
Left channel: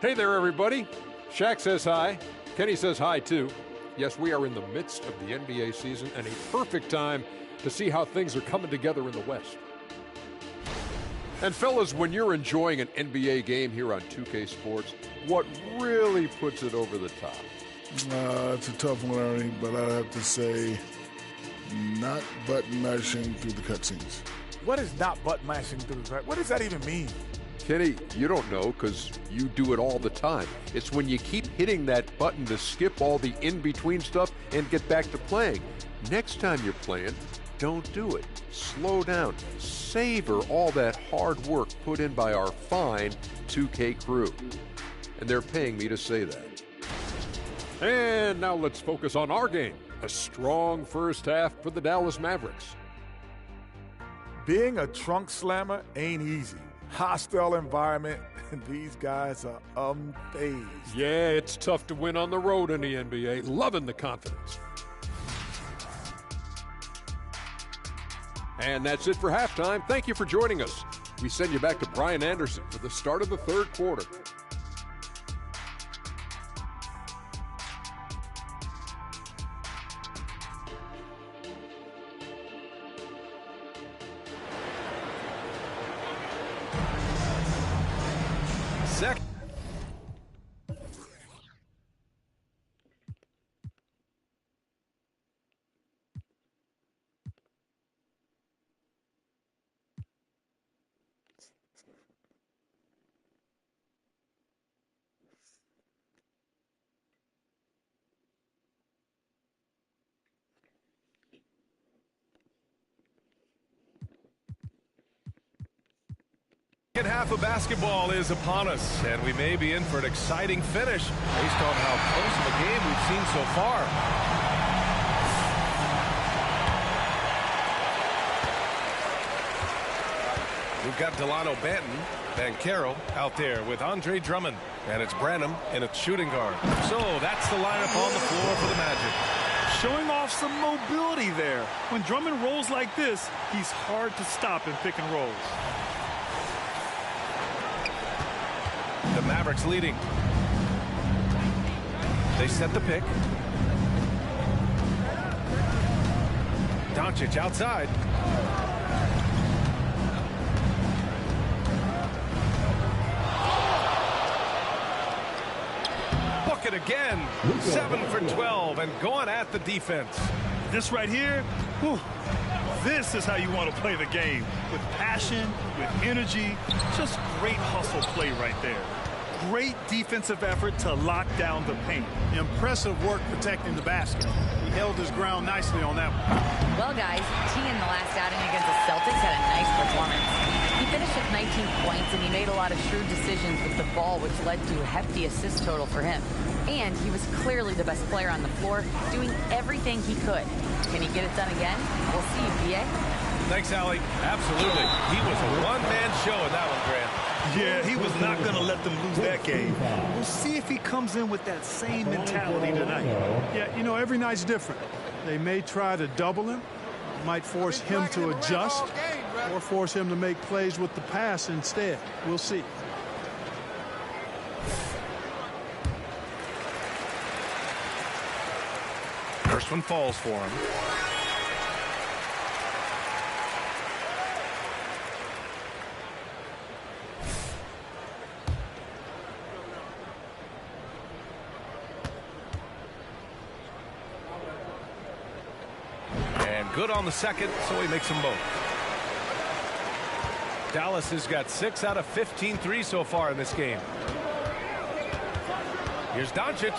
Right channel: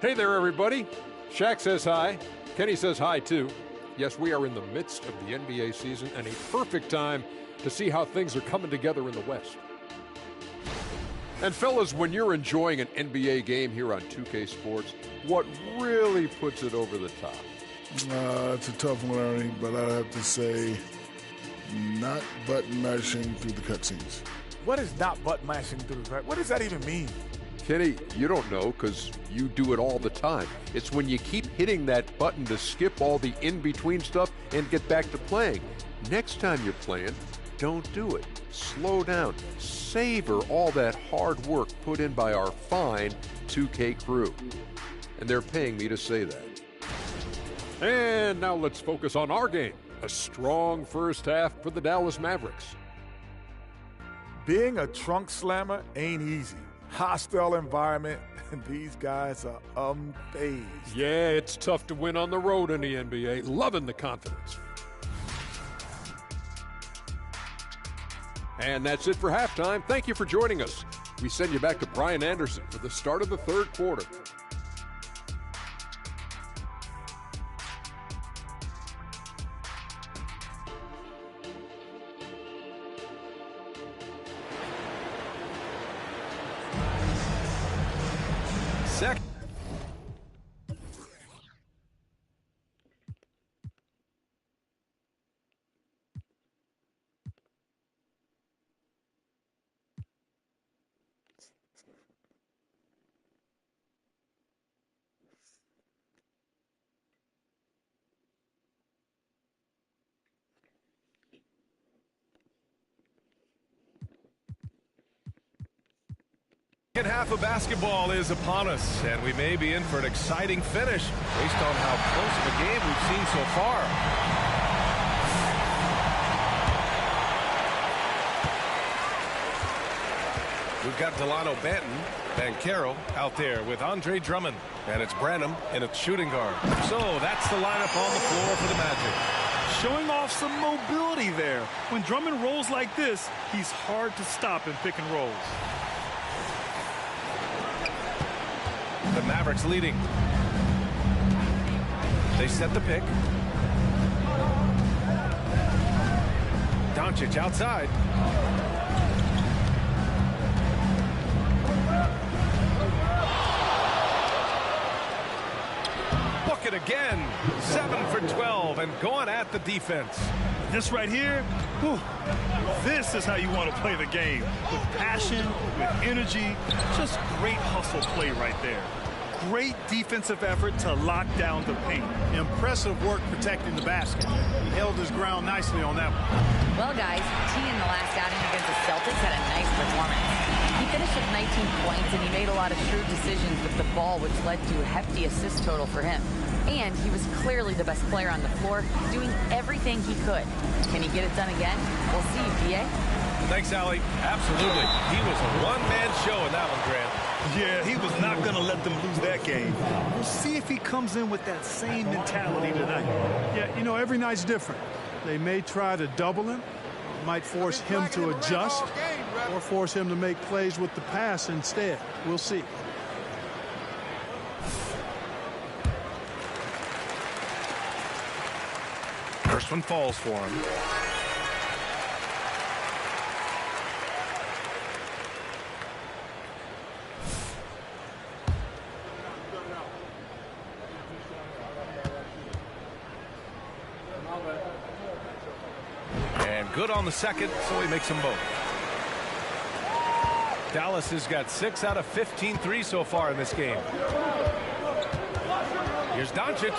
Hey there, everybody. Shaq says hi. Kenny says hi, too. Yes, we are in the midst of the NBA season and a perfect time to see how things are coming together in the West. And fellas, when you're enjoying an NBA game here on 2K Sports, what really puts it over the top? It's a tough one, Ernie, but I have to say not button mashing through the cutscenes. What is not button mashing through the cut? What does that even mean? Kenny, you don't know because you do it all the time. It's when you keep hitting that button to skip all the in-between stuff and get back to playing. Next time you're playing, don't do it. Slow down. Savor all that hard work put in by our fine 2K crew. And they're paying me to say that. And now let's focus on our game. A strong first half for the Dallas Mavericks. Being a trunk slammer ain't easy. Hostile environment, and these guys are unfazed. Yeah, it's tough to win on the road in the NBA. Loving the confidence. And that's it for halftime. Thank you for joining us. We send you back to Brian Anderson for the start of the third quarter. Second. Second half of basketball is upon us, and we may be in for an exciting finish based on how close of a game we've seen so far. We've got Delano Banton, Bankero out there with Andre Drummond, and it's Branham in its shooting guard. So that's the lineup on the floor for the Magic. Showing off some mobility there. When Drummond rolls like this, he's hard to stop in pick and rolls. The Mavericks leading. They set the pick. Doncic outside. bucket again. 7 for 12 and going at the defense. This right here, whew, this is how you want to play the game. With passion, with energy, just great hustle play right there. Great defensive effort to lock down the paint. Impressive work protecting the basket. He held his ground nicely on that one. Well, guys, T in the last outing against the Celtics had a nice performance. He finished with 19 points, and he made a lot of shrewd decisions with the ball, which led to a hefty assist total for him. And he was clearly the best player on the floor, doing everything he could. Can he get it done again? We'll see, PA. Thanks, Allie. Absolutely. He was a one-man show in that one, Grant. Yeah, he was not going to let them lose that game. We'll see if he comes in with that same mentality tonight. Yeah, you know, every night's different. They may try to double him, might force him to adjust, or force him to make plays with the pass instead. We'll see. First one falls for him. And good on the second, so he makes them both. Dallas has got 6 out of 15 threes so far in this game. Here's Doncic.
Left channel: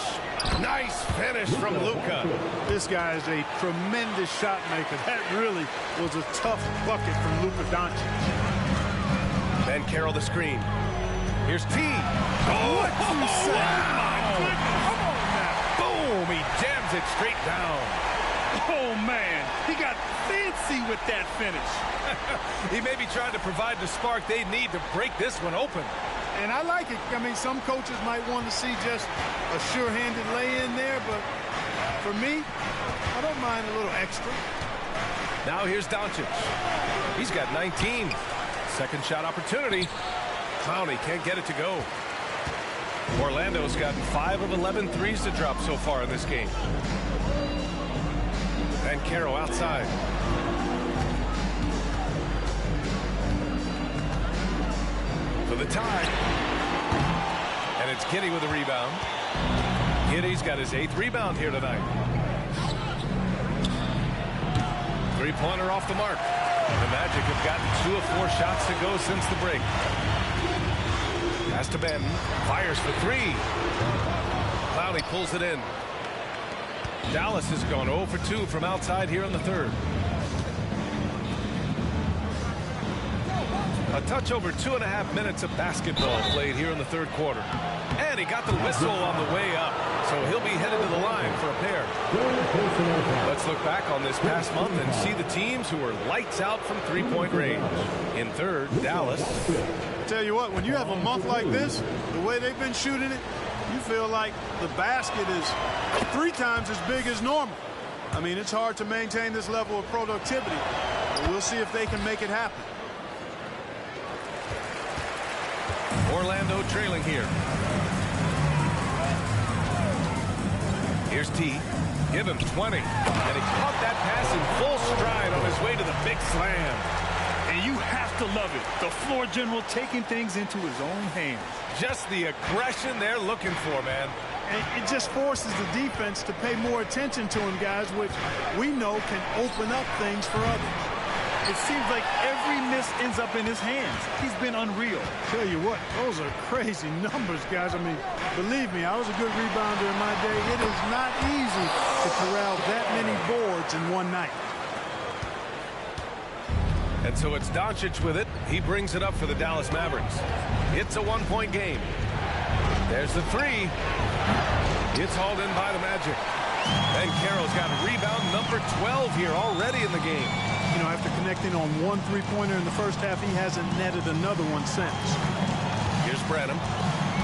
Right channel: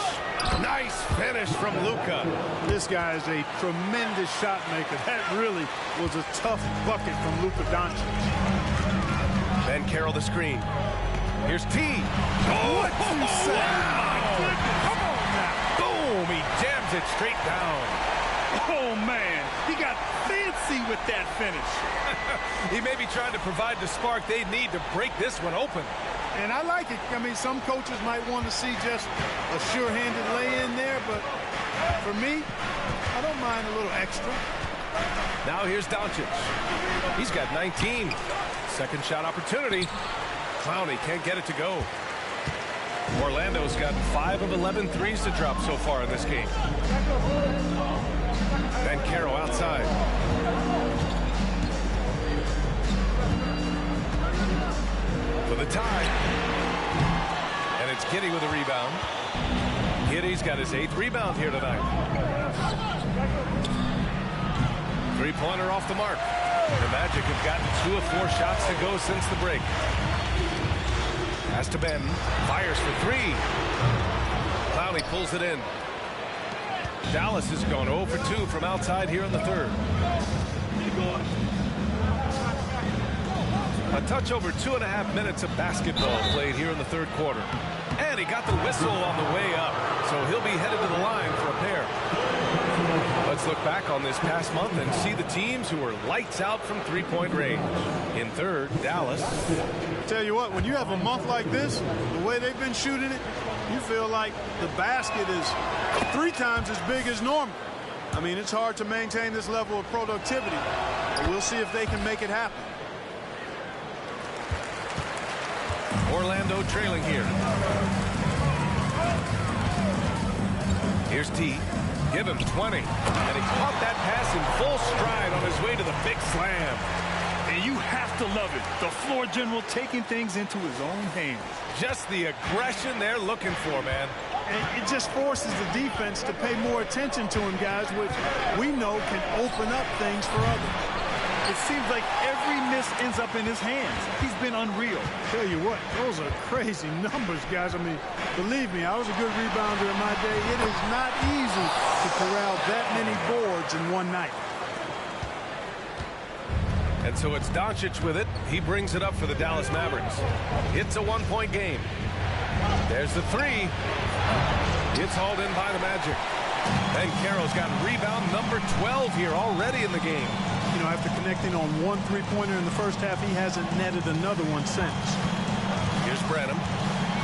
Nice finish from Luka. This guy is a tremendous shot maker. That really was a tough bucket from Luka Doncic. Ben Carroll the screen. Here's T. What you say? Wow. My goodness. Come on now. Boom. He jams it straight down. Oh, man. He got fancy with that finish. He may be trying to provide the spark they need to break this one open. And I like it. I mean, some coaches might want to see just a sure-handed lay-in there, but for me, I don't mind a little extra. Now here's Doncic. He's got 19. Second shot opportunity. Clowney can't get it to go. Orlando's gotten 5 of 11 threes to drop so far in this game. Ben Carroll outside. For the tie. And it's Giddey with a rebound. Giddey's got his 8th rebound here tonight. Three-pointer off the mark. The Magic have gotten 2 of 4 shots to go since the break. Pass to Ben. Fires for 3. Clowney pulls it in. Dallas has gone 0 for 2 from outside here in the third. A touch over 2.5 minutes of basketball played here in the third quarter. And he got the whistle on the way up, so he'll be headed to the line for a pair. Let's look back on this past month and see the teams who were lights out from three-point range. In third, Dallas. Tell you what, when you have a month like this, the way they've been shooting it, you feel like the basket is 3 times as big as normal. I mean, it's hard to maintain this level of productivity, but we'll see if they can make it happen. Orlando trailing here. Here's T. Give him 20. And he caught that pass in full stride on his way to the big slam. And you have to love it. The floor general taking things into his own hands. Just the aggression they're looking for, man. And it just forces the defense to pay more attention to him, guys, which we know can open up things for others. It seems like every miss ends up in his hands. He's been unreal. Tell you what, those are crazy numbers, guys. I mean, believe me, I was a good rebounder in my day. It is not easy to corral that many boards in one night. And so it's Doncic with it. He brings it up for the Dallas Mavericks. It's a 1-point game. There's the 3. It's hauled in by the Magic. Ben Carroll's got rebound number 12 here already in the game. You know, after connecting on 1 3-pointer in the first half, he hasn't netted another one since. Here's Branham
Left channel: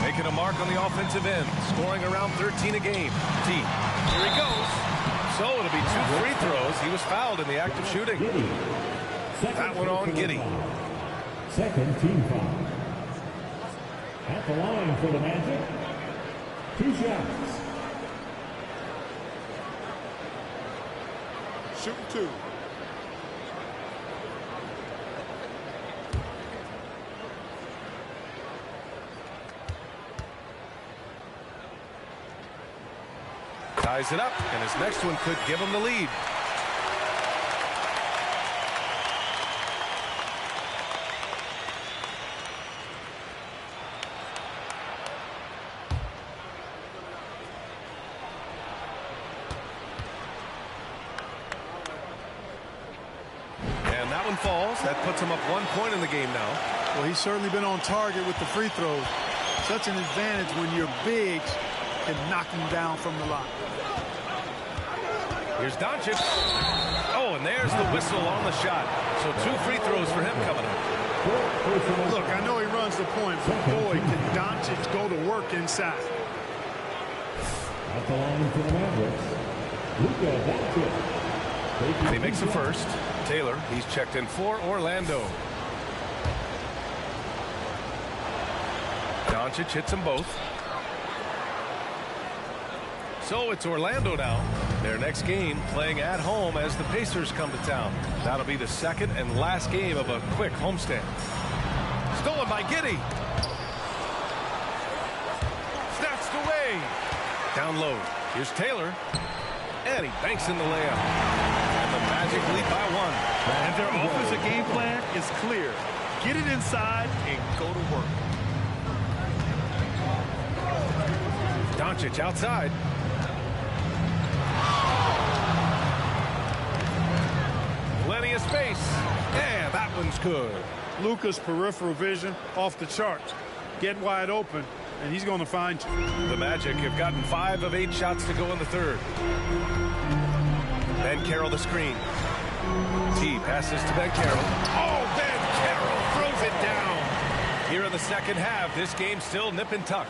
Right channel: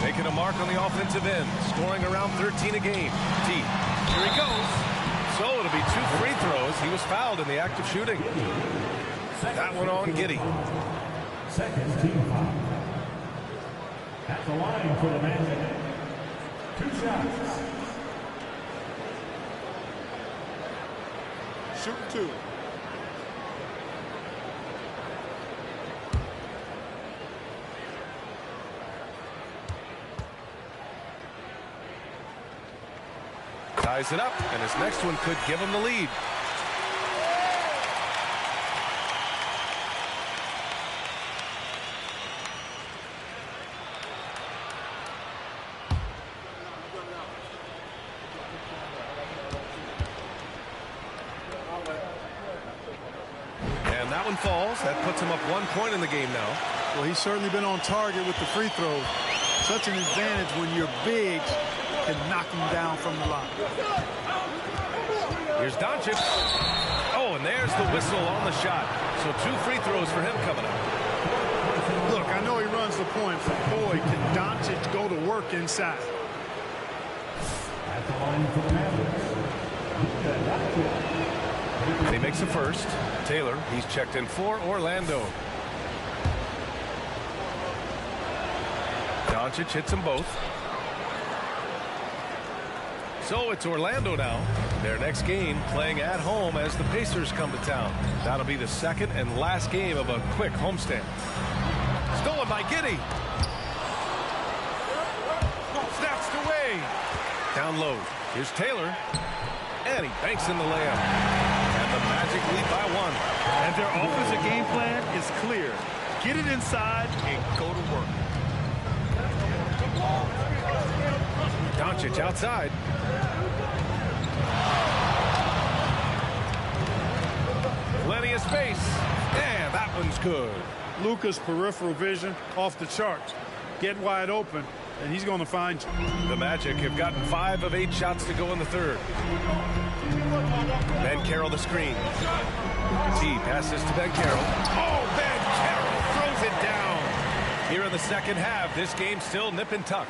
making a mark on the offensive end, scoring around 13 a game. T. Here he goes. So it'll be 2 free throws. He was fouled in the act of shooting. That one on Giddey. Second team foul. At the line for the Magic. 2 shots. Shooting 2. Ties it up, and his next one could give him the lead. And that one falls. That puts him up 1 point in the game now. Well, he's certainly been on target with the free throws. Such an advantage when your bigs can knock him down from the line. Here's Doncic. Oh, and there's the whistle on the shot. So 2 free throws for him coming up. Look, I know he runs the point, but boy, can Doncic go to work inside. At the line for the Mavericks, Luka Doncic. And he makes the first. Taylor, he's checked in for Orlando. Doncic hits them both. So it's Orlando now. Their next game playing at home as the Pacers come to town. That'll be the second and last game of a quick homestand. Stolen by Giddey. Snatched away. Down low. Here's Taylor. And he banks in the layup. And the Magic lead by 1. And their offensive game plan is clear. Get it inside and go to work. Doncic outside. Plenty of space. And that one's good. Luka's peripheral vision off the charts. Get wide open, and he's going to find you. The Magic have gotten 5 of 8 shots to go in the third. Ben Carroll the screen. T passes to Ben Carroll. Oh, Ben Carroll throws it down. Here in the second half, this game's still nip and tuck.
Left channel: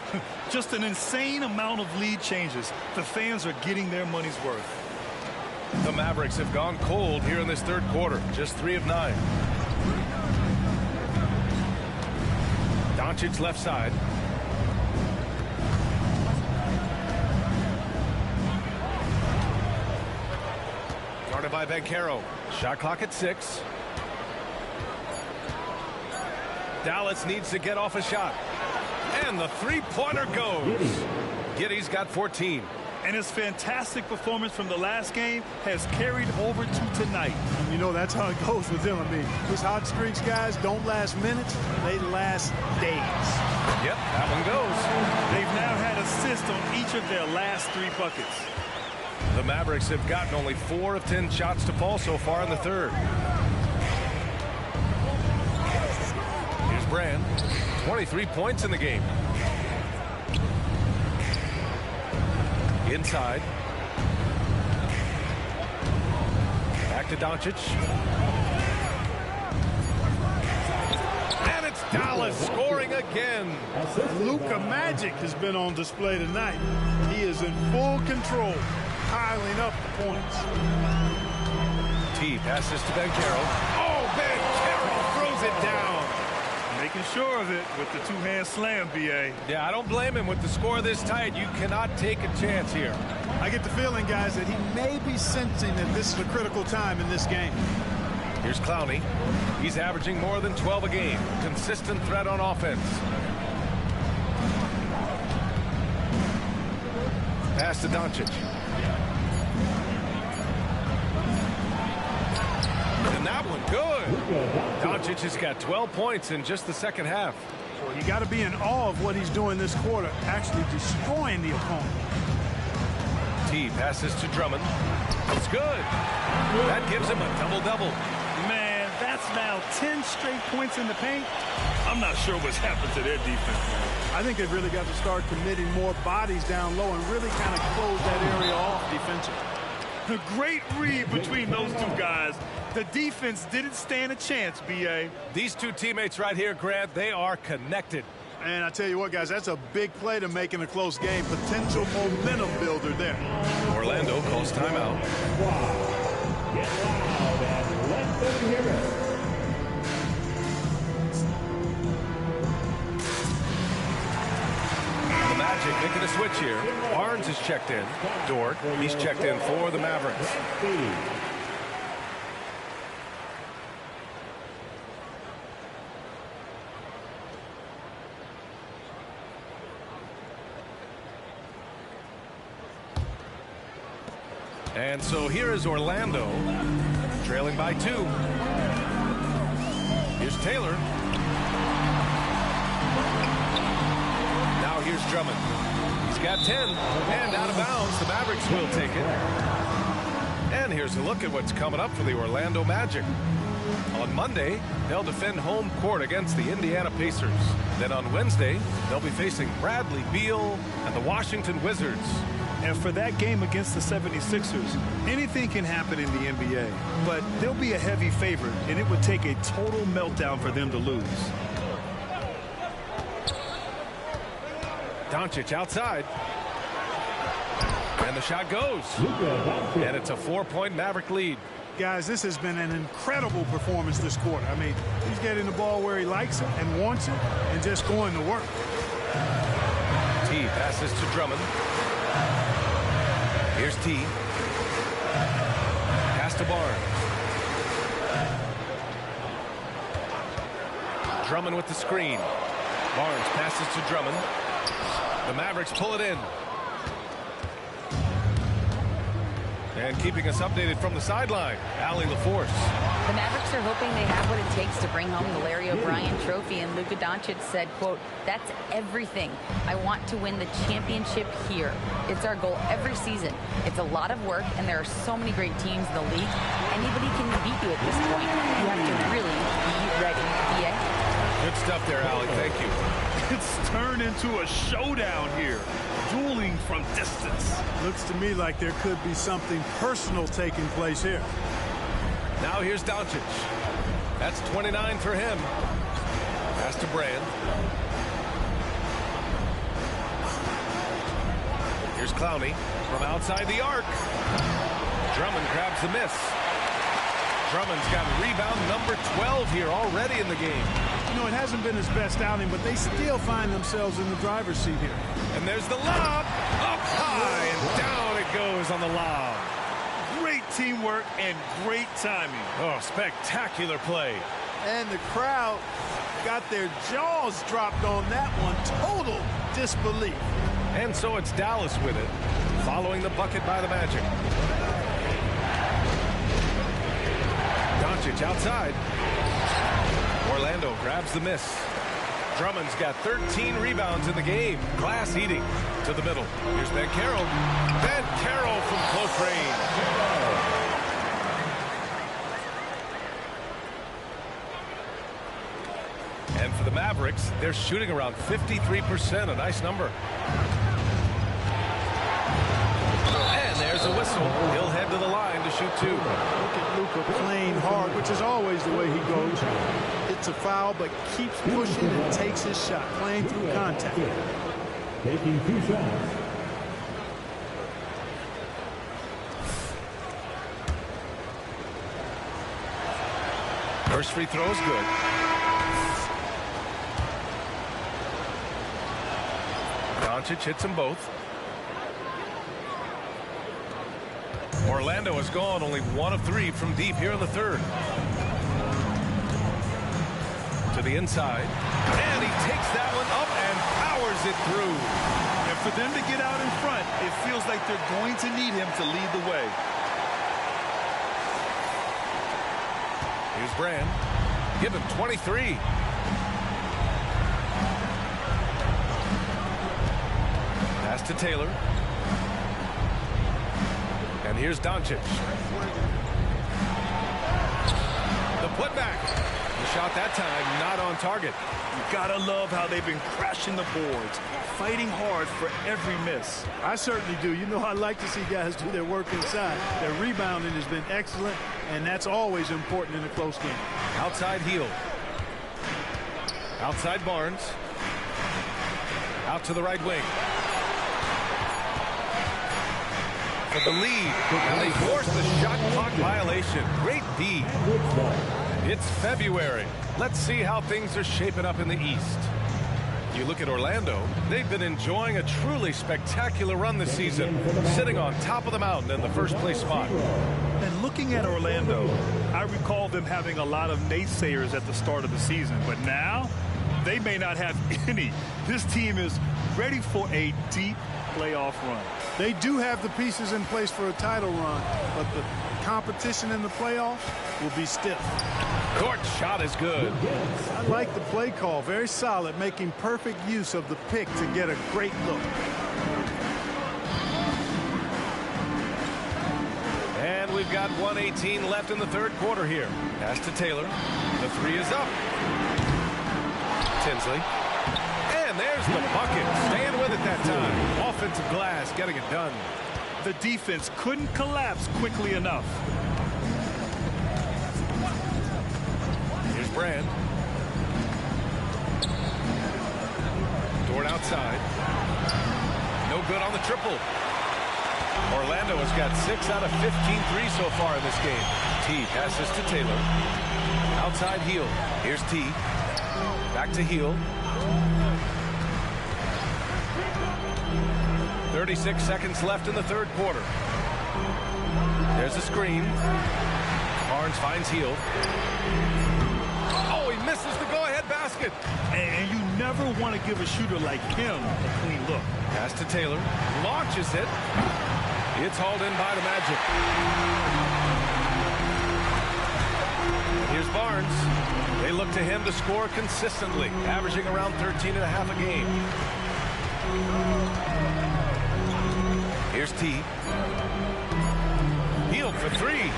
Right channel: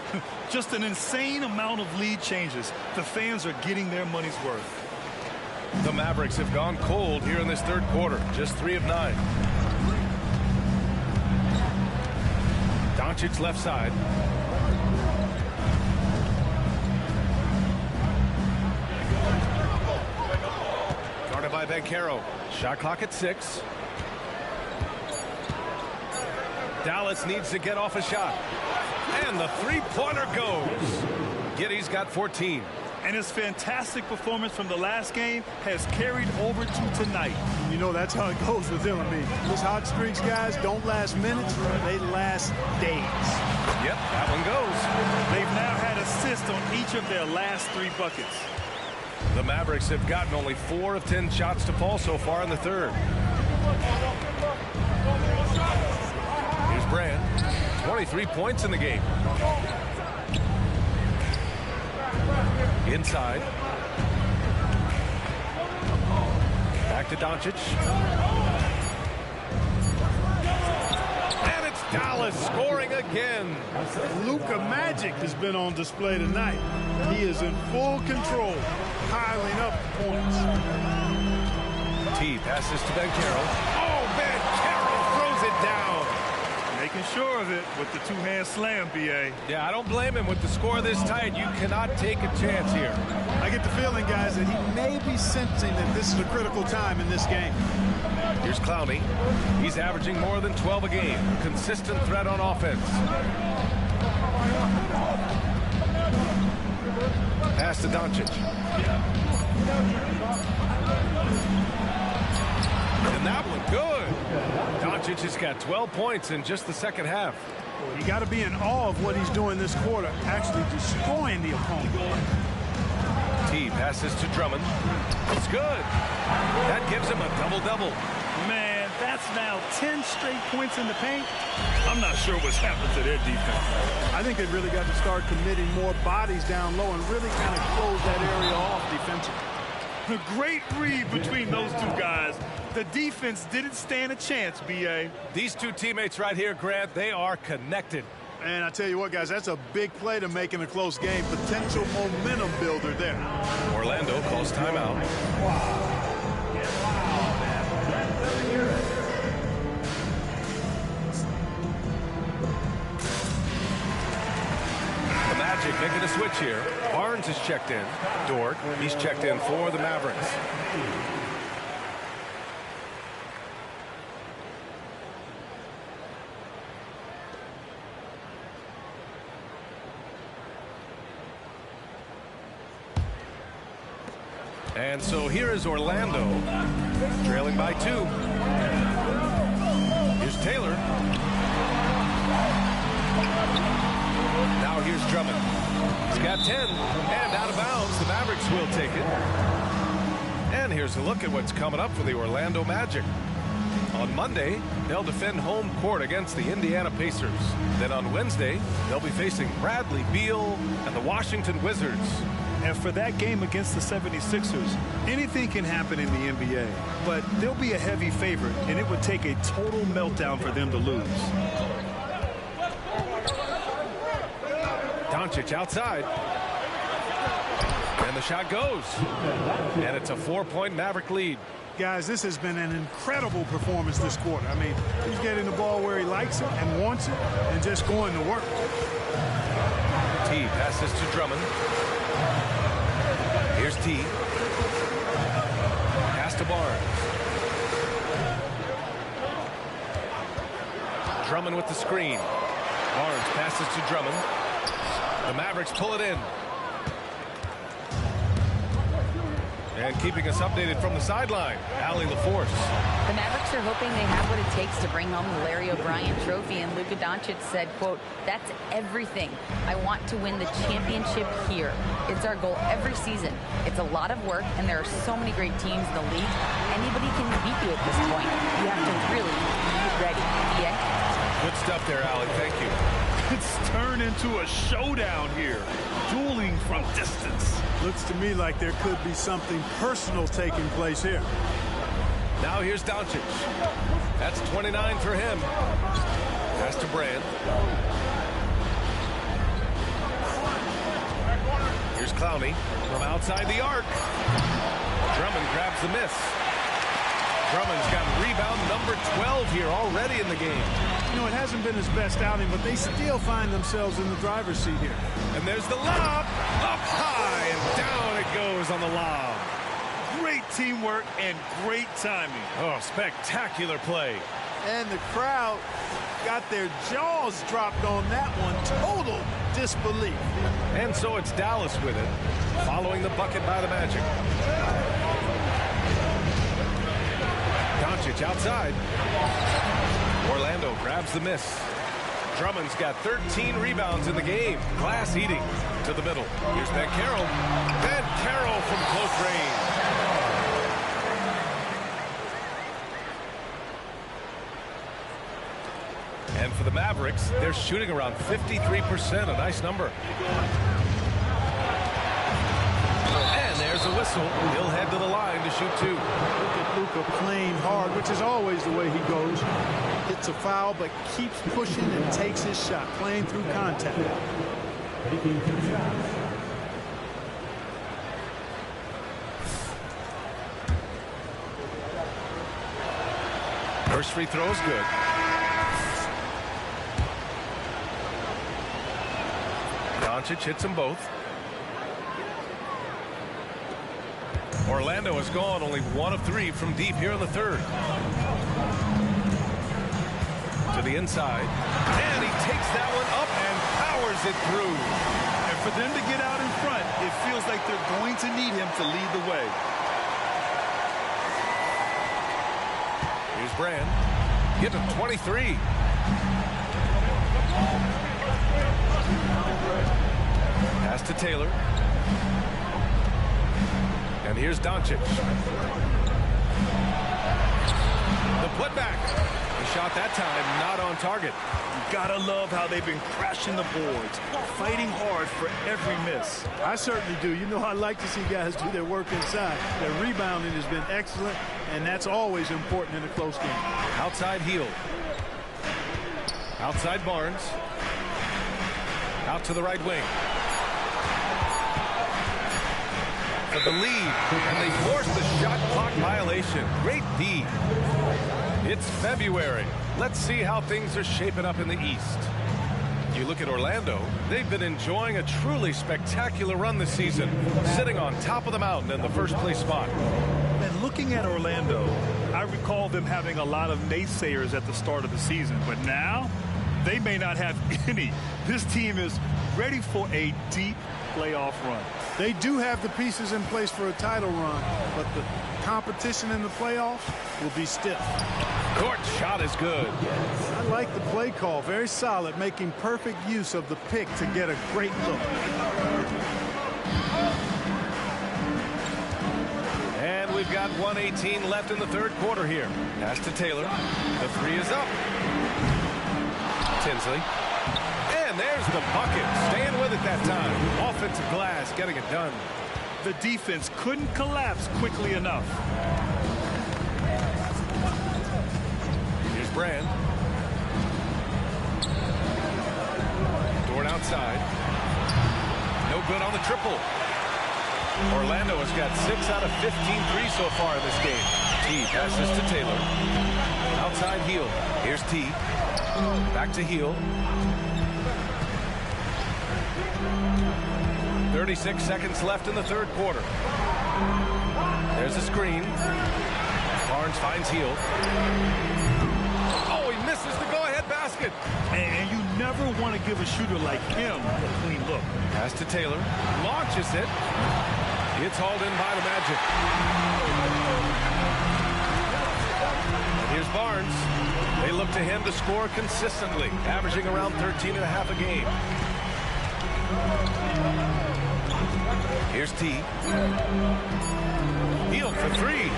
Just an insane amount of lead changes. The fans are getting their money's worth. The Mavericks have gone cold here in this third quarter. Just 3 of 9. Doncic left side. Guarded by Banchero. Shot clock at 6. Dallas needs to get off a shot. And the three-pointer goes. Giddey's got 14. And his fantastic performance from the last game has carried over to tonight. You know, that's how it goes with him. I mean, those hot streaks, guys, don't last minutes. They last days. Yep, that one goes. They've now had assists on each of their last 3 buckets. The Mavericks have gotten only 4 of 10 shots to fall so far in the third. Here's Brand. 23 points in the game. Inside. Back to Doncic. And it's Dallas scoring again. Luka Magic has been on display tonight. He is in full control, piling up the points. T passes to Ben Carroll. Oh, Ben Carroll throws it down. Making sure of it with the 2-hand slam, B.A. Yeah, I don't blame him with the score this tight. You cannot take a chance here. I get the feeling, guys, that he may be sensing that this is a critical time in this game. Here's Clowney. He's averaging more than 12 a game. A consistent threat on offense. Pass to Doncic. And that one good. Doncic has got 12 points in just the second half. Well, you got to be in awe of what he's doing this quarter, actually destroying the opponent. T passes to Drummond. It's good. That gives him a double-double. Man, that's now 10 straight points in the paint. I'm not sure what's happened to their defense, man. I think they've really got to start committing more bodies down low and really kind of close that area off defensively. A great read between those 2 guys. The defense didn't stand a chance, B.A. These 2 teammates right here, Grant, they are connected. And I tell you what, guys, that's a big play to make in a close game. Potential momentum builder there. Orlando calls timeout. Get loud, man. Let them hear it. The Magic making a switch here. Barnes is checked in. Dort, he's checked in for the Mavericks. And so here is Orlando, trailing by 2. Here's Taylor. Now here's Drummond. He's got 10, and out of bounds. The Mavericks will take it. And here's a look at what's coming up for the Orlando Magic. On Monday, they'll defend home court against the Indiana Pacers. Then on Wednesday, they'll be facing Bradley Beal and the Washington Wizards. And for that game against the 76ers, anything can happen in the NBA, but they'll be a heavy favorite, and it would take a total meltdown for them to lose. Doncic outside. And the shot goes. And it's a 4-point Maverick lead. Guys, this has been an incredible performance this quarter. I mean, he's getting the ball where he likes it and wants it and just going to work. T passes to Drummond. Here's T. Pass to Barnes. Drummond with the screen. Barnes passes to Drummond. The Mavericks pull it in. And keeping us updated from the sideline, Allie LaForce. The Mavericks are hoping they have what it takes to bring home the Larry O'Brien trophy, and Luka Doncic said, quote, "That's everything. I want to win the championship here. It's our goal every season. It's a lot of work, and there are so many great teams in the league. Anybody can beat you at this point. You have to really be ready." BA? Good stuff there, Allie. Thank you. It's turned into a showdown here. Dueling from distance. Looks to me like there could be something personal taking place here. Now here's Doncic. That's 29 for him. Pass to Brand. Here's Clowney from outside the arc. Drummond grabs the miss. Drummond's got rebound number 12 here already in the game. You know, it hasn't been his best outing, but they still find themselves in the driver's seat here. And there's the lob. Up high and down it goes on the lob. Great teamwork and great timing. Oh, spectacular play. And the crowd got their jaws dropped on that one. Total disbelief. And so it's Dallas with it, following the bucket by the Magic. Doncic outside. Orlando grabs the miss. Drummond's got 13 rebounds in the game. Glass eating to the middle. Here's Banchero. Banchero from close range. And for the Mavericks, they're shooting around 53%, a nice number. And there's a whistle. He'll head to the line to shoot 2. Look at Luka playing hard, which is always the way he goes. Hits a foul, but keeps pushing and takes his shot, playing through contact. Taking 2 shots. First free throw is good. Doncic hits them both. Orlando has gone only 1 of 3 from deep here in the third. To the inside. And he takes that one up and powers it through. And for them to get out in front, it feels like they're going to need him to lead the way. Here's Brand. Give him 23. Pass to Taylor. And here's Doncic. The putback. The shot that time not on target. You gotta love how they've been crashing the boards, fighting hard for every miss. I certainly do. You know, I like to see guys do their work inside. Their rebounding has been excellent, and that's always important in a close game. Outside heel. Outside Barnes. Out to the right wing. For the lead, and they force the shot clock violation. Great D. It's February. Let's see how things are shaping up in the East. You look at Orlando, they've been enjoying a truly spectacular run this season, sitting on top of the mountain in the first place spot. And looking at Orlando, I recall them having a lot of naysayers at the start of the season, but now they may not have any. This team is ready for a deep playoff run. They do have the pieces in place for a title run, but the competition in the playoffs will be stiff. Court shot is good. I like the play call. Very solid, making perfect use of the pick to get a great look. And we've got 1:18 left in the third quarter here. Pass to Taylor. The three is up. Tinsley. And there's the bucket. Staying with it that time. Offensive glass getting it done. The defense couldn't collapse quickly enough. Here's Brand. Dort outside. No good on the triple. Orlando has got 6 out of 15 threes so far in this game. T passes to Taylor. Outside Heel. Here's T. Back to Heel. 36 seconds left in the third quarter. There's a screen. Barnes finds Heel. Oh, he misses the go-ahead basket. And you never want to give a shooter like him a clean look. Pass to Taylor. Launches it. It's hauled in by the Magic. And here's Barnes. They look to him to score consistently, averaging around 13.5 a game. Here's T. Heel for three.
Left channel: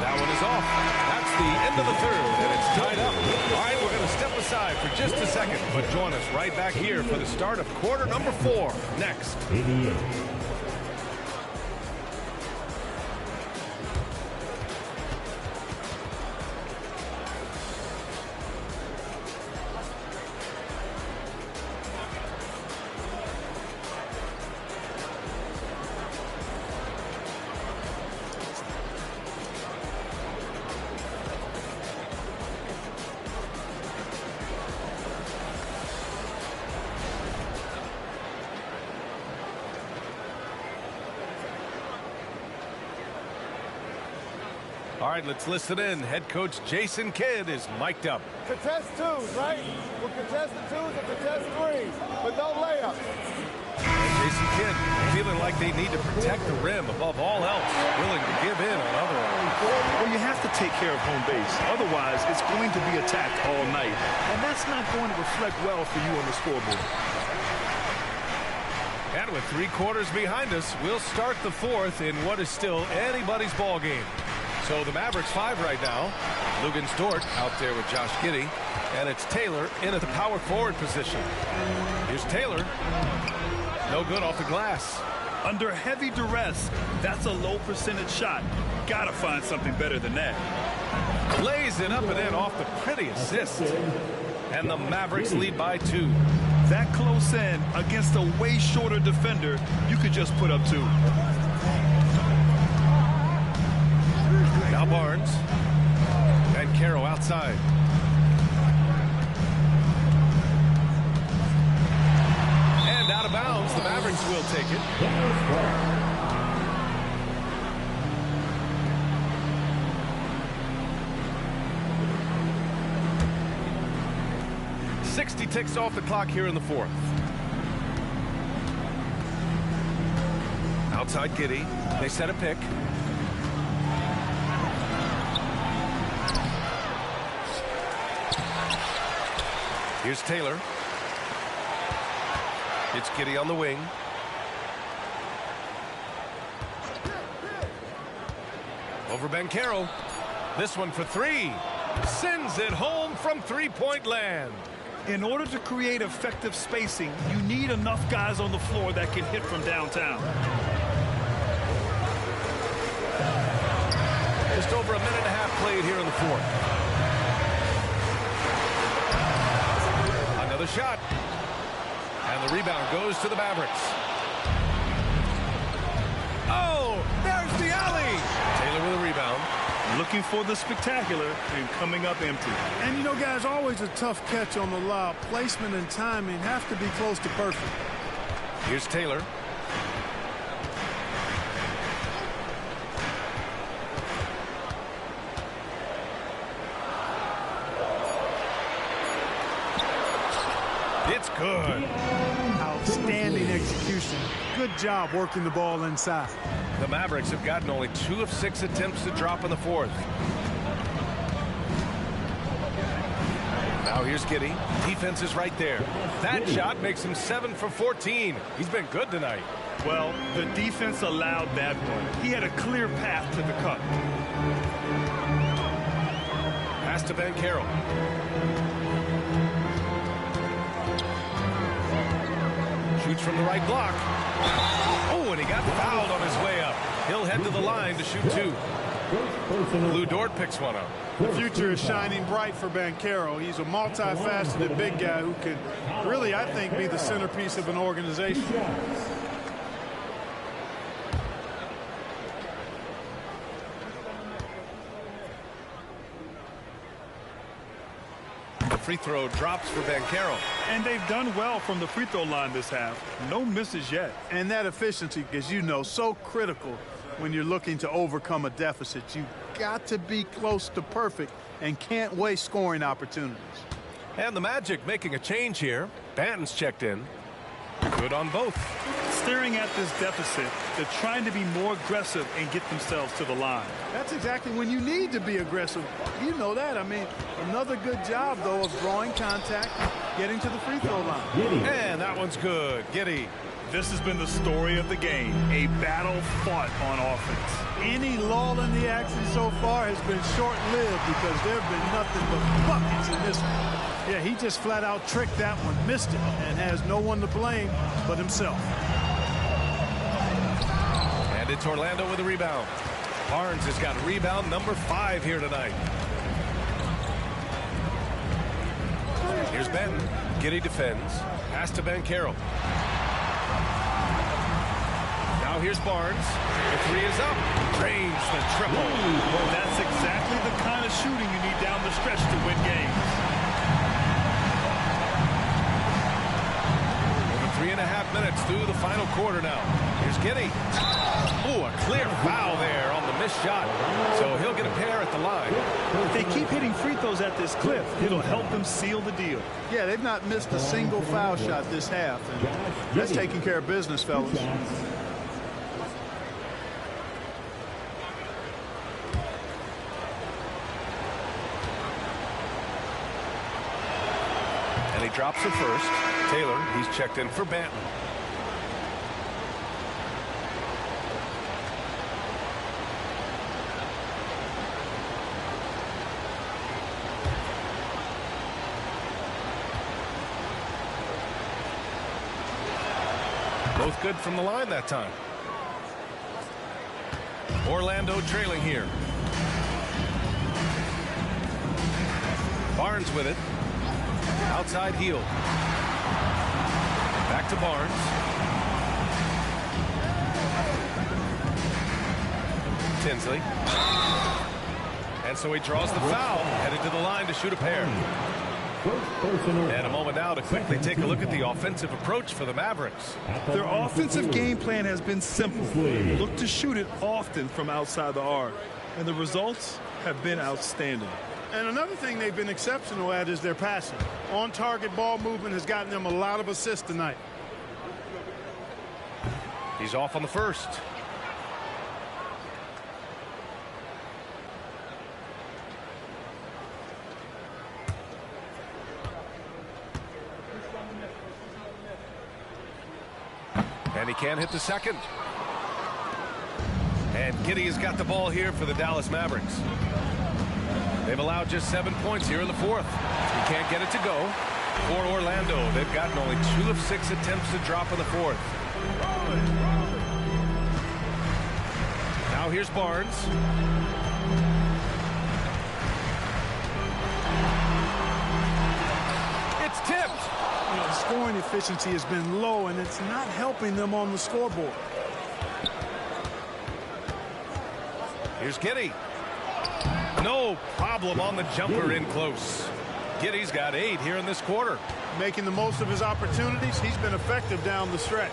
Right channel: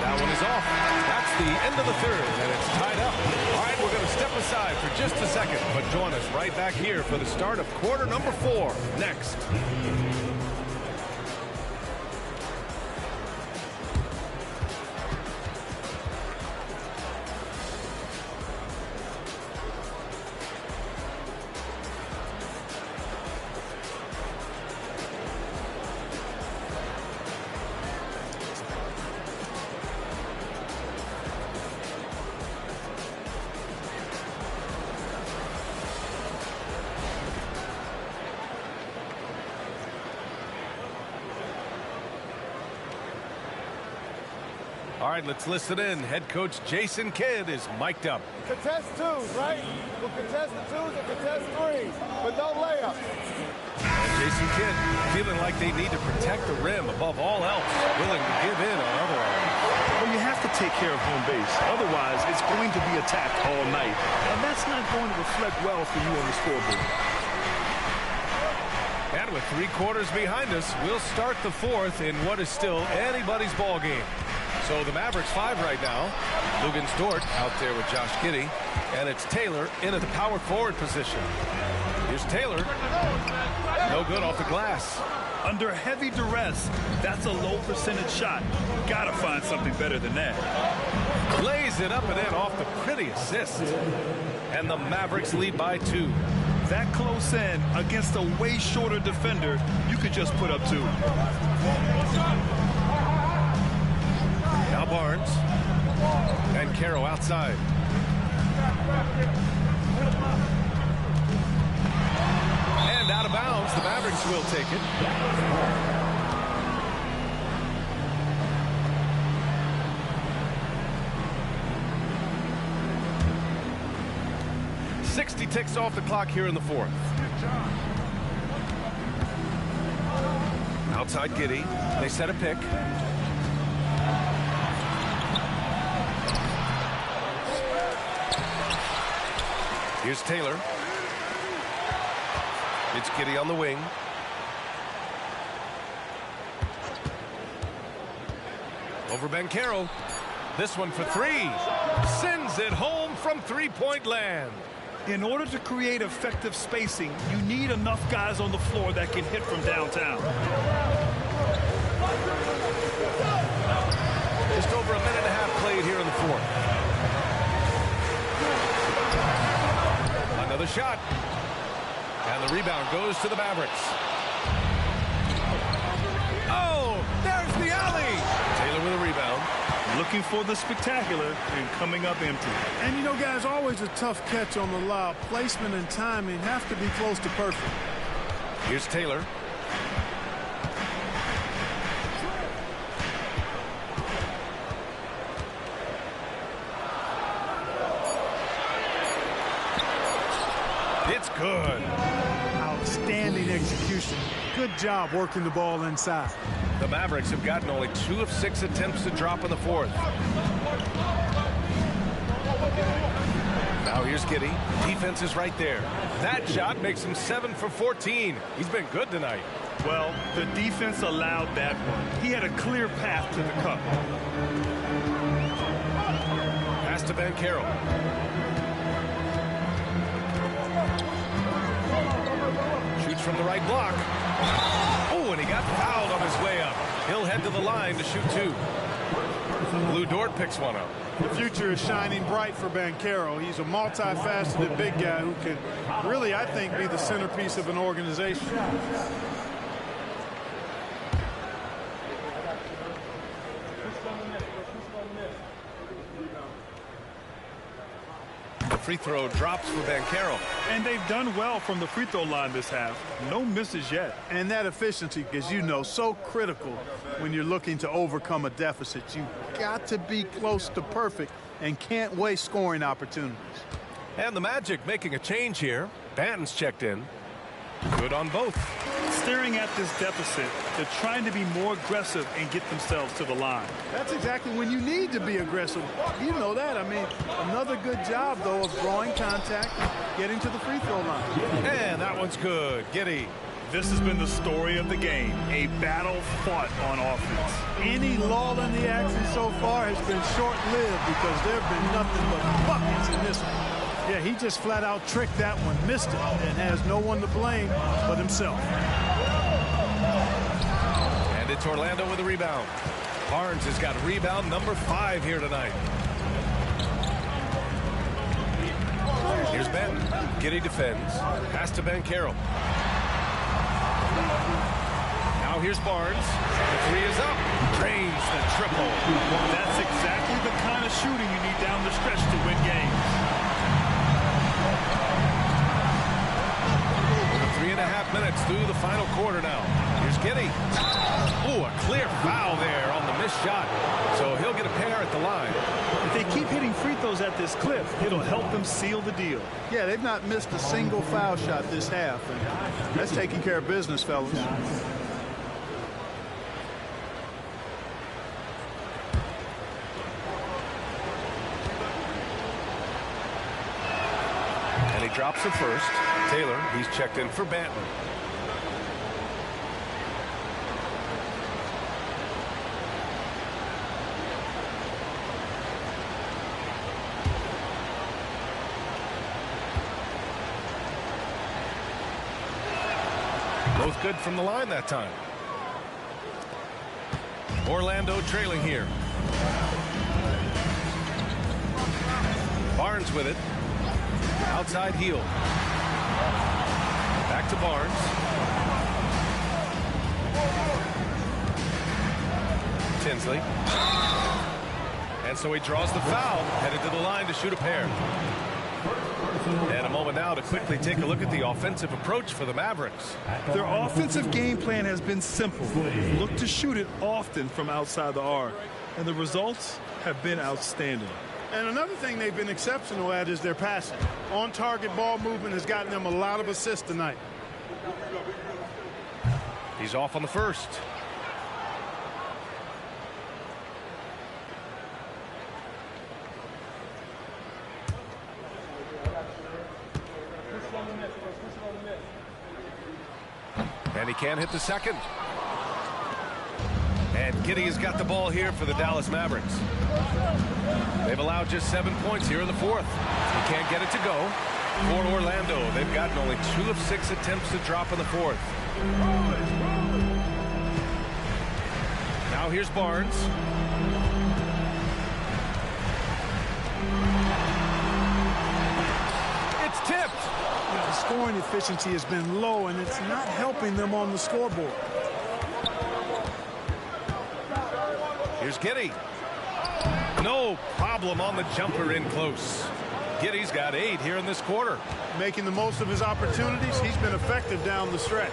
That one is off. That's the end of the third, and it's tied up. All right, we're going to step aside for just a second, but join us right back here for the start of quarter number 4 next. All right, let's listen in. Head coach Jason Kidd is mic'd up. Contest twos, right? We'll contest the twos and contest threes, but no layups. And Jason Kidd feeling like they need to protect the rim above all else, willing to give in on other areas. Well, you have to take care of home base. Otherwise, it's going to be attacked all night. And that's not going to reflect well for you on the scoreboard. And with 3 quarters behind us, we'll start the fourth in what is still anybody's ball game. So the Mavericks 5 right now. Lugens Dort out there with Josh Giddey. And it's Taylor in at the power forward position. Here's Taylor. No good off the glass. Under heavy duress, that's a low percentage shot. Gotta find something better than that. Lays it up and in off the pretty assist. And the Mavericks lead by 2. That close in against a way shorter defender, you could just put up 2. Now Barnes. And Caro outside. And out of bounds, the Mavericks will take it. .60 ticks off the clock here in the fourth. Outside Giddey. They set a pick. Here's Taylor. It's Giddey on the wing. Over Bencaro. This one for 3. Sends it home from three-point land. In order to create effective spacing, you need enough guys on the floor that can hit from downtown. Just over a minute and a half played here in the fourth. Another shot. And the rebound goes to the Mavericks. Oh, there's the alley. Taylor with a rebound. Looking for the spectacular and coming up empty. And you know, guys, always a tough catch on the lob. Placement and timing have to be close to perfect. Here's Taylor. It's good. Outstanding execution. Good job working the ball inside. The Mavericks have gotten only 2 of 6 attempts to drop in the fourth. Now here's Giddey. Defense is right there. That shot makes him 7 for 14. He's been good tonight. Well, the defense allowed that one. He had a clear path to the cup. Pass to Banchero. Shoots from the right block. Oh, and he got fouled on his way up. He'll head to the line to shoot 2. Lou Dort picks one up. The future is shining bright for Banchero. He's a multifaceted big guy who can really, I think, be the centerpiece of an organization. The free throw drops for Banchero. And they've done well from the free throw line this half. No misses yet. And that efficiency, as you know, so critical when you're looking to overcome a deficit. You've got to be close to perfect and can't waste scoring opportunities. And the Magic making a change here. Banton's checked in. Good on both. Staring at this deficit, they're trying to be more aggressive and get themselves to the line. That's exactly when you need to be aggressive. You know that. I mean, another good job, though, of drawing contact, getting to the free throw line. And that one's good. Giddey. This has been the story of the game, a battle fought on offense. Any lull in the action so far has been short-lived because there have been nothing but buckets in this one. Yeah, he just flat out tricked that one, missed it, and has no one to blame but himself. And it's Orlando with a rebound. Barnes has got rebound number 5 here tonight. Here's Benton. Giddey defends. Pass to Banchero. Now here's Barnes. The 3 is up. Drains the triple. That's exactly the kind of shooting you need down the stretch to win games. Over 3.5 minutes through the final quarter now. Here's Giddey. Oh, a clear foul there on the missed shot. So he'll get a pair at the line. If they keep hitting free throws at this clip, it'll help them seal the deal. Yeah, they've not missed a single foul shot this half, and that's taking care of business, fellas. And he drops the first. Taylor, he's checked in for Banton. Both good from the line that time. Orlando trailing here. Barnes with it. Outside heel. Back to Barnes. Tinsley. And so he draws the foul, headed to the line to shoot a pair. And a moment now to quickly take a look at the offensive approach for the Mavericks. Their offensive game plan has been simple. Look to shoot it often from outside the arc. And the results have been outstanding. And another thing they've been exceptional at is their passing. On-target ball movement has gotten them a lot of assists tonight. He's off on the first. And he can't hit the second. And Giddey has got the ball here for the Dallas Mavericks. They've allowed just 7 points here in the fourth. He can't get it to go. For Orlando, they've gotten only 2 of 6 attempts to drop in the fourth. Now here's Barnes. It's tipped. You know, scoring efficiency has been low, and it's not helping them on the scoreboard. Here's Giddey. No problem on the jumper in close. Giddey's got 8 here in this quarter. Making the most of his opportunities. He's been effective down the stretch.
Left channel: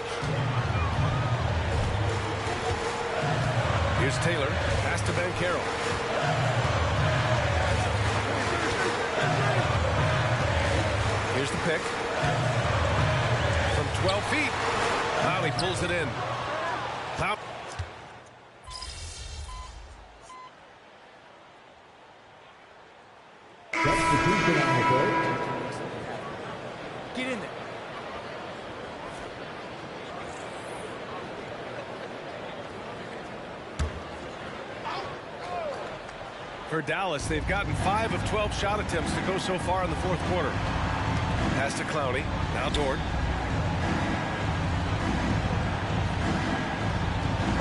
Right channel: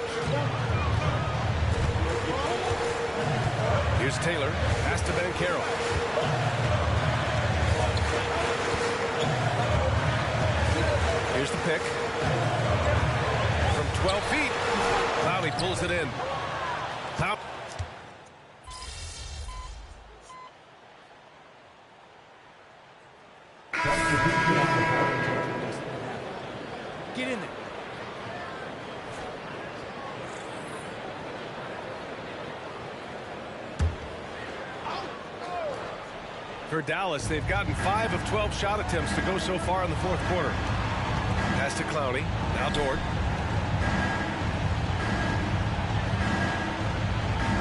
Here's Taylor. Pass to Banchero. Here's the pick. From 12 feet. Clowney pulls it in. Get in there. For Dallas, they've gotten 5 of 12 shot attempts to go so far in the fourth quarter. Pass to Clowney. Now Dort.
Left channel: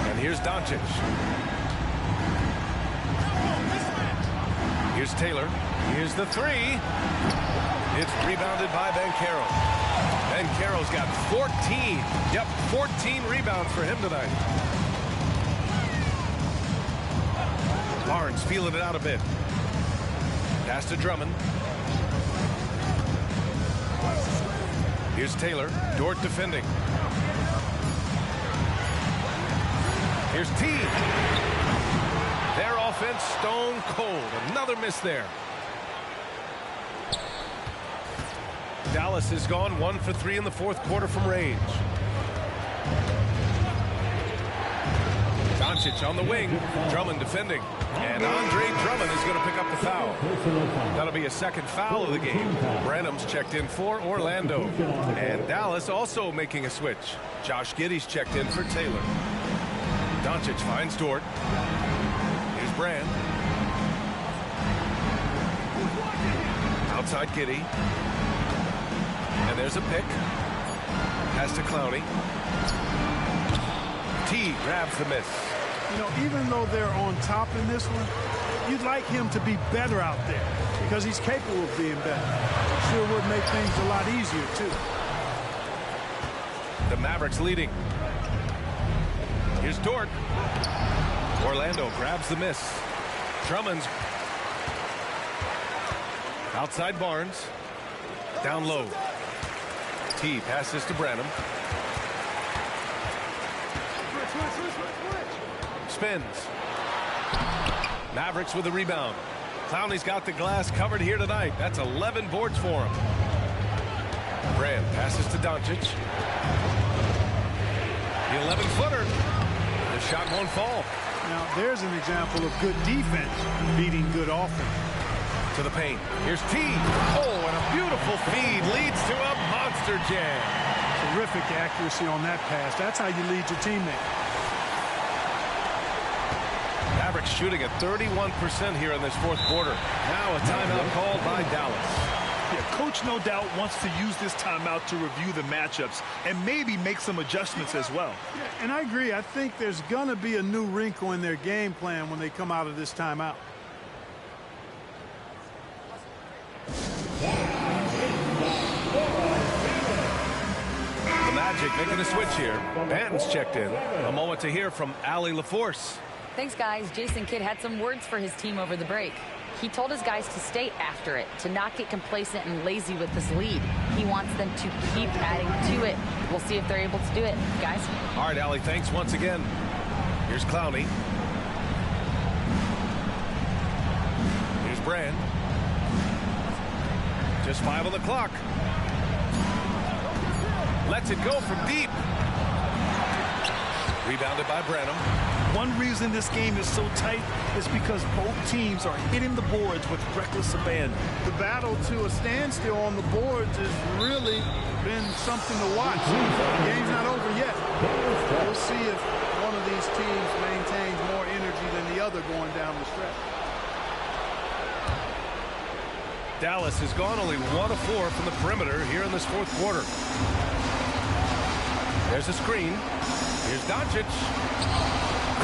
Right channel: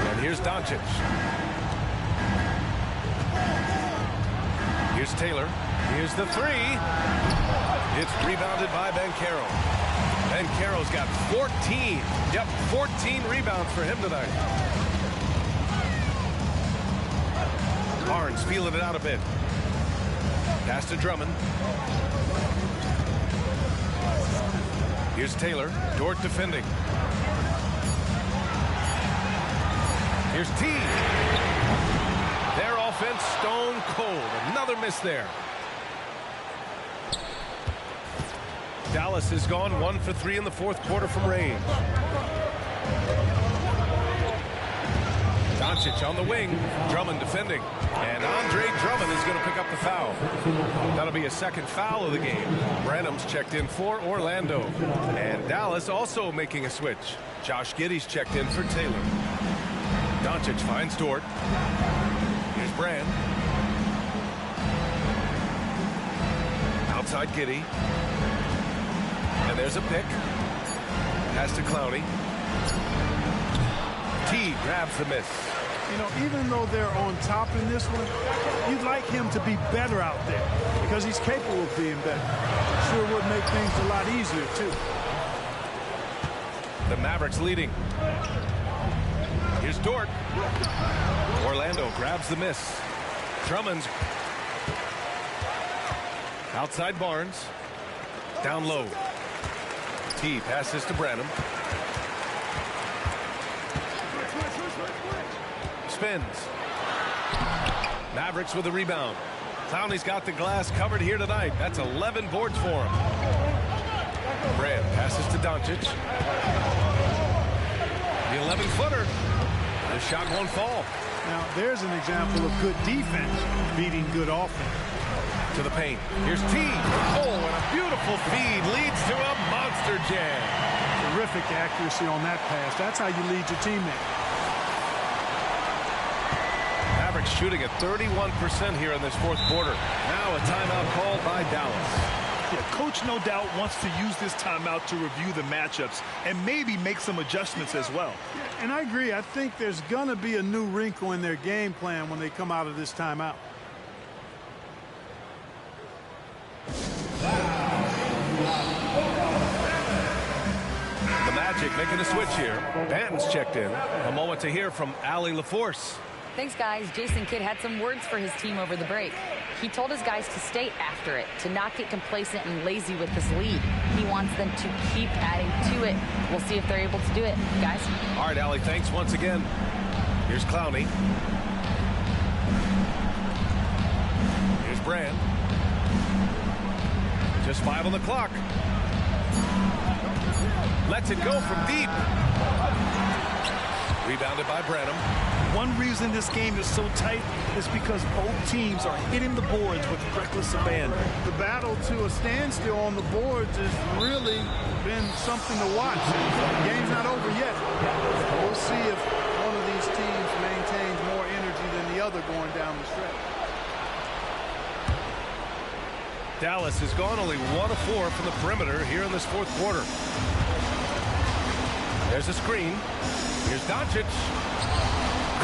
And here's Doncic. Here's Taylor. Here's the three. It's rebounded by Banchero. Banchero's got 14. Yep, 14 rebounds for him tonight. Barnes feeling it out a bit. Pass to Drummond. Here's Taylor. Dort defending. Here's T. Their offense stone cold. Another miss there. Dallas has gone 1 for 3 in the fourth quarter from range. Doncic on the wing. Drummond defending. And Andre Drummond is going to pick up the foul. That'll be a second foul of the game. Branham's checked in for Orlando. And Dallas also making a switch. Josh Giddey's checked in for Taylor. Doncic finds Dort. Here's Brand. Outside Giddey. And there's a pick. Pass to Clowney. T grabs the miss. You know, even though they're on top in this one, you'd like him to be better out there because he's capable of being better. It sure would make things a lot easier, too. The Mavericks leading. Here's Dort. Orlando grabs the miss. Drummond's outside Barnes. Down low. T passes to Branham. Spins. Mavericks with the rebound. Clowney's got the glass covered here tonight. That's 11 boards for him. Brand passes to Doncic. The 11-footer. The shot won't fall. Now, there's an example of good defense beating good offense. To the paint. Here's T. Oh, and a beautiful feed leads to a monster jam. Terrific accuracy on that pass. That's how you lead your teammate. Mavericks shooting at 31% here in this fourth quarter. Now a timeout called by Dallas. Yeah, coach no doubt wants to use this timeout to review the matchups and maybe make some adjustments as well. Yeah, and I agree. I think there's going to be a new wrinkle in their game plan when they come out of this timeout. The Magic making a switch here. Banton's checked in. A moment to hear from Allie LaForce. Thanks, guys. Jason Kidd had some words for his team over the break. He told his guys to stay after it, to not get complacent and lazy with this lead. He wants them to keep adding to it. We'll see if they're able to do it, guys. All right, Allie, thanks once again. Here's Clowney. Here's Brand. Just 5 on the clock. Lets it go from deep. Rebounded by Branham. One reason this game is so tight is because both teams are hitting the boards with reckless abandon. The battle to a standstill on the boards has really been something to watch. The game's not over yet. We'll see if one of these teams maintains more energy than the other going down the stretch. Dallas has gone only 1 of 4 from the perimeter here in this fourth quarter. There's a screen. Here's Doncic.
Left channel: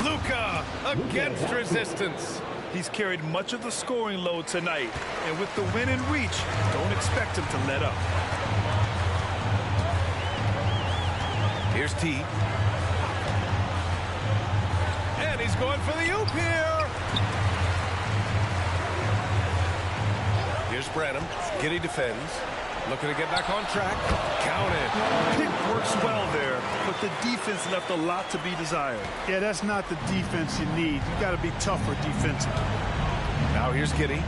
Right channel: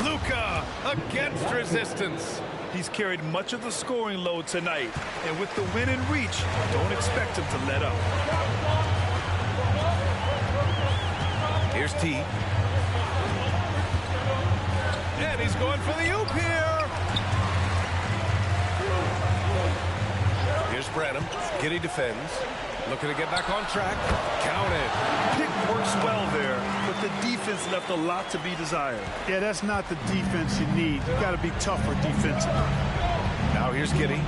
Luka against resistance. He's carried much of the scoring load tonight, and with the win in reach, don't expect him to let up. Here's T. And he's going for the oop here. Here's Branham. Giddey defends. Looking to get back on track. Counted. Pick works well there, but the defense left a lot to be desired. Yeah, that's not the defense you need. You got to be tougher defensively. Now here's Giddey.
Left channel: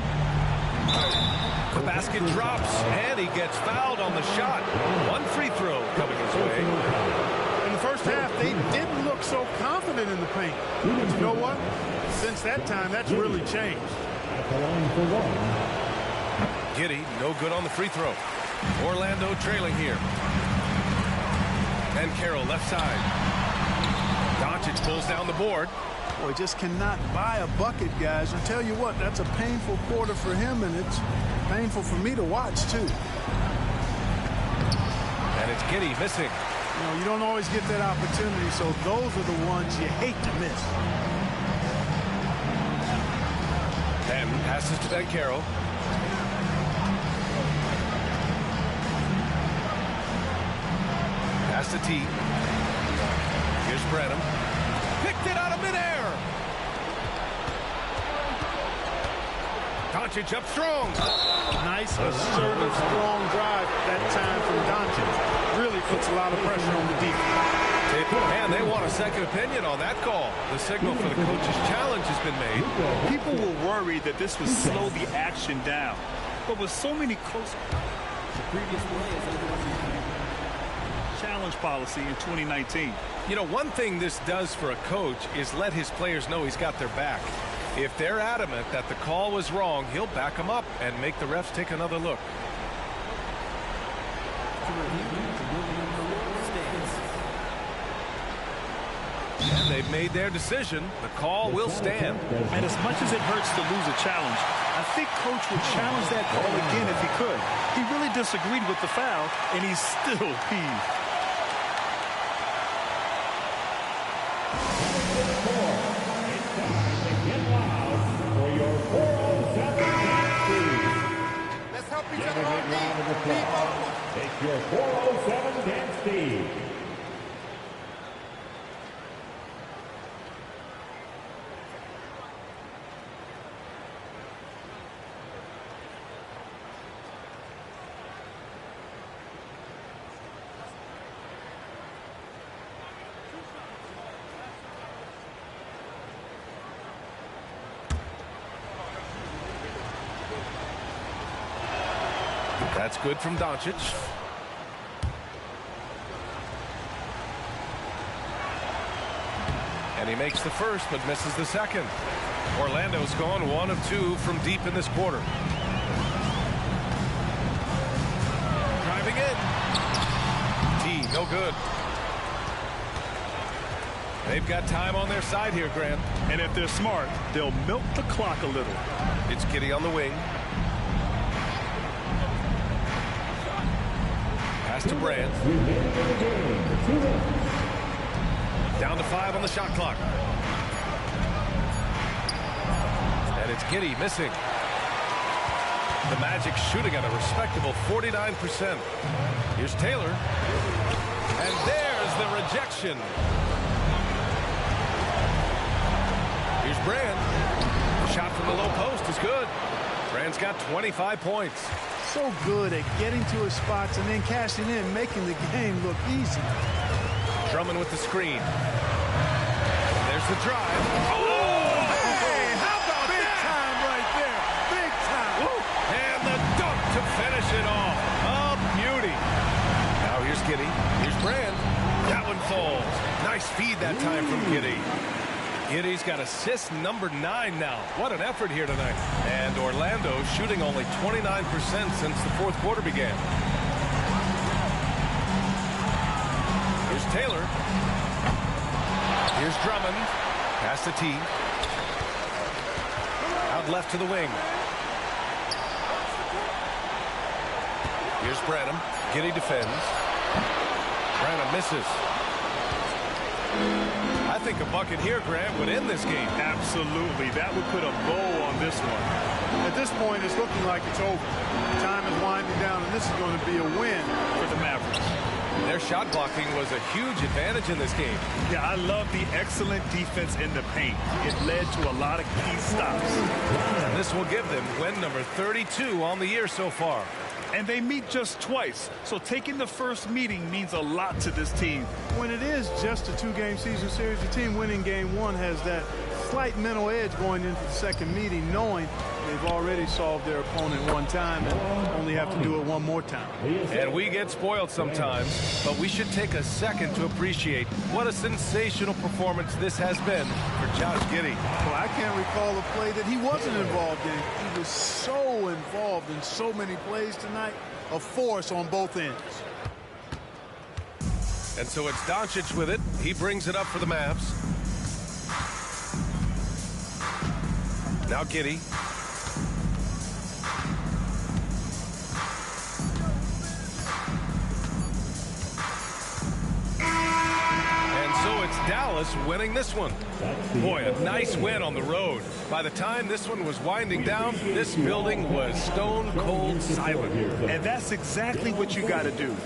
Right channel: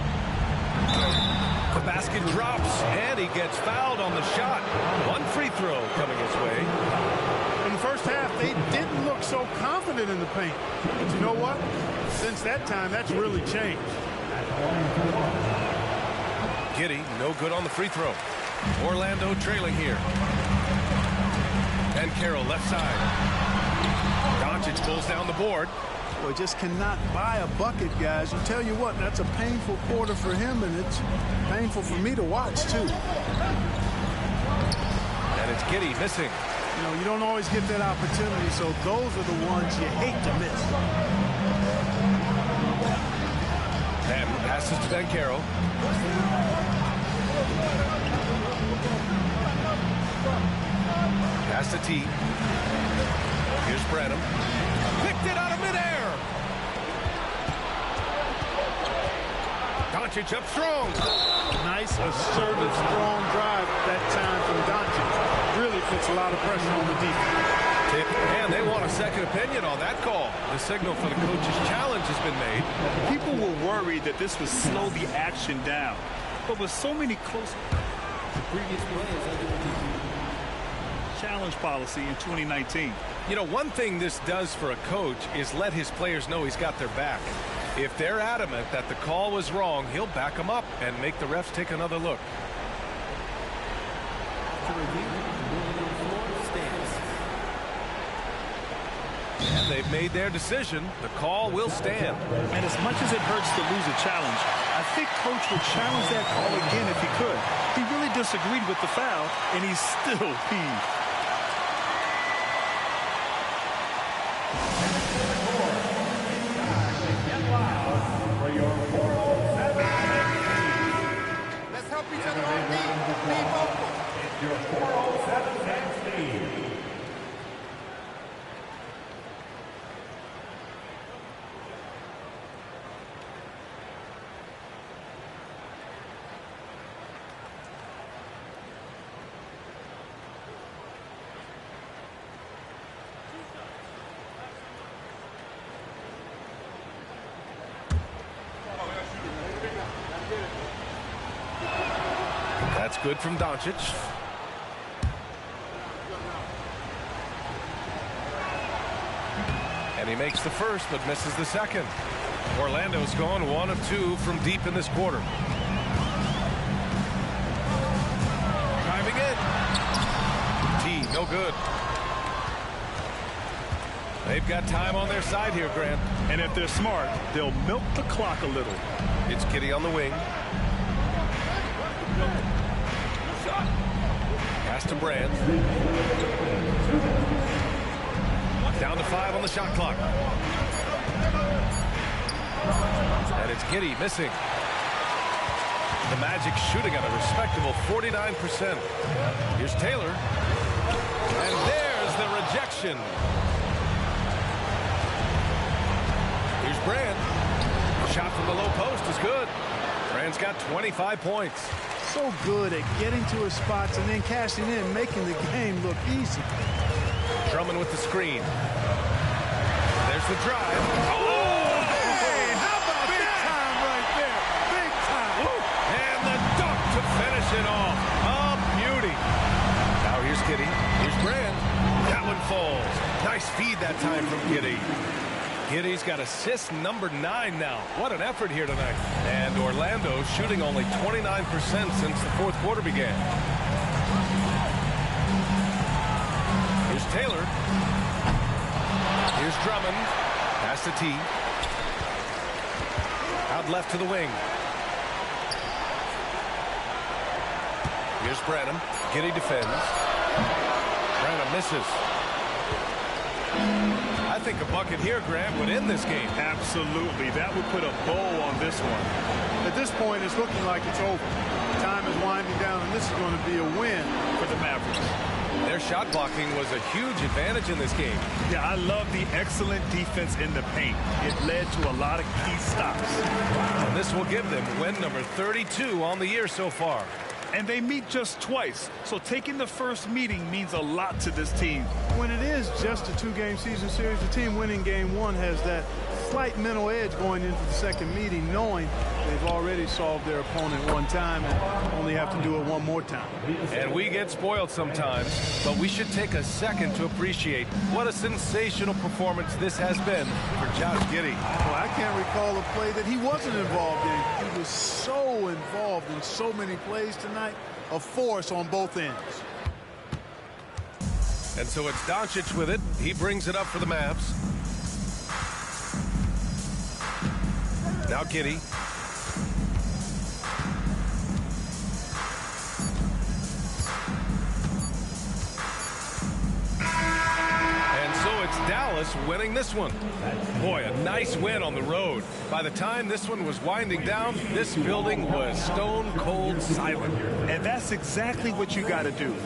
The basket drops, and he gets fouled on the shot. One free throw coming his way. In the first half, they didn't look so confident in the paint. But you know what? Since that time, that's really changed. Giddey, no good on the free throw. Orlando trailing here. And Carroll left side. Doncic pulls down the board. Boy, just cannot buy a bucket, guys. I'll tell you what, that's a painful quarter for him, and it's painful for me to watch, too. And it's Giddey missing. You know, you don't always get that opportunity, so those are the ones you hate to miss. And passes to Ben Carroll. Pass to T. Here's Branham. Picked it out of midair. Doncic up strong. Nice, assertive, strong drive that time from Doncic. Really puts a lot of pressure on the defense. And they want a second opinion on that call. The signal for the coach's challenge has been made. People were worried that this would slow the action down. But with so many close... The previous play is under review. Challenge policy in 2019. You know, one thing this does for a coach is let his players know he's got their back. If they're adamant that the call was wrong, he'll back them up and make the refs take another look. To review, the ruling on the floor stands. And they've made their decision. The call will stand. And as much as it hurts to lose a challenge, I think Coach would challenge that call again if he could. He really disagreed with the foul, and he's still peeved. Let's help each other on D. Be vocal. It's your 407 dance team. That's good from Doncic. And he makes the first but misses the second. Orlando's gone 1 of 2 from deep in this quarter. Driving in. T, no good. They've got time on their side here, Grant. And if they're smart, they'll milk the clock a little. It's Giddey on the wing. Pass to Brand. Down to 5 on the shot clock. And it's Giddey missing. The Magic shooting at a respectable 49%. Here's Taylor. And there's the rejection. Here's Brand. The shot from the low post is good. Brand's got 25 points. So good at getting to his spots and then cashing in, making the game look easy. Drummond with the screen. There's the drive. Oh, hey, how about big time right there? Big time. Woo. And the dunk to finish it off. A beauty. Now here's Giddey. Here's Brand. That one falls. Nice feed that time from Giddey. Giddey's got assist number 9 now. What an effort here tonight. And Orlando shooting only 29% since the fourth quarter began. Here's Taylor. Here's Drummond. Pass to T. Out left to the wing. Here's Branham. Giddey defends. Branham misses. I think a bucket here, Grant, would end this game. Absolutely. That would put a bow on this one. At this point, it's looking like it's over. Time is winding down, and this is going to be a win For the Mavericks. Their shot blocking was a huge advantage in this game. Yeah, I love the excellent defense in the paint. It led to a lot of key stops. And this will give them win number 32 on the year so far. And they meet just twice, so taking the first meeting means a lot to this team. When it is just a 2-game season series, the team winning game 1 has that slight mental edge going into the second meeting, knowing they've already solved their opponent one time and only have to do it one more time. And we get spoiled sometimes, but we should take a second to appreciate what a sensational performance this has been for Josh Giddey. Well, I can't recall a play that he wasn't involved in. He was so involved in so many plays tonight, a force on both ends. And so it's Doncic with it. He brings it up for the Mavs. Now Giddey. And so it's Dallas winning this one. Boy, a nice win on the road. By the time this one was winding down, this building was stone cold silent. And that's exactly what you got to do.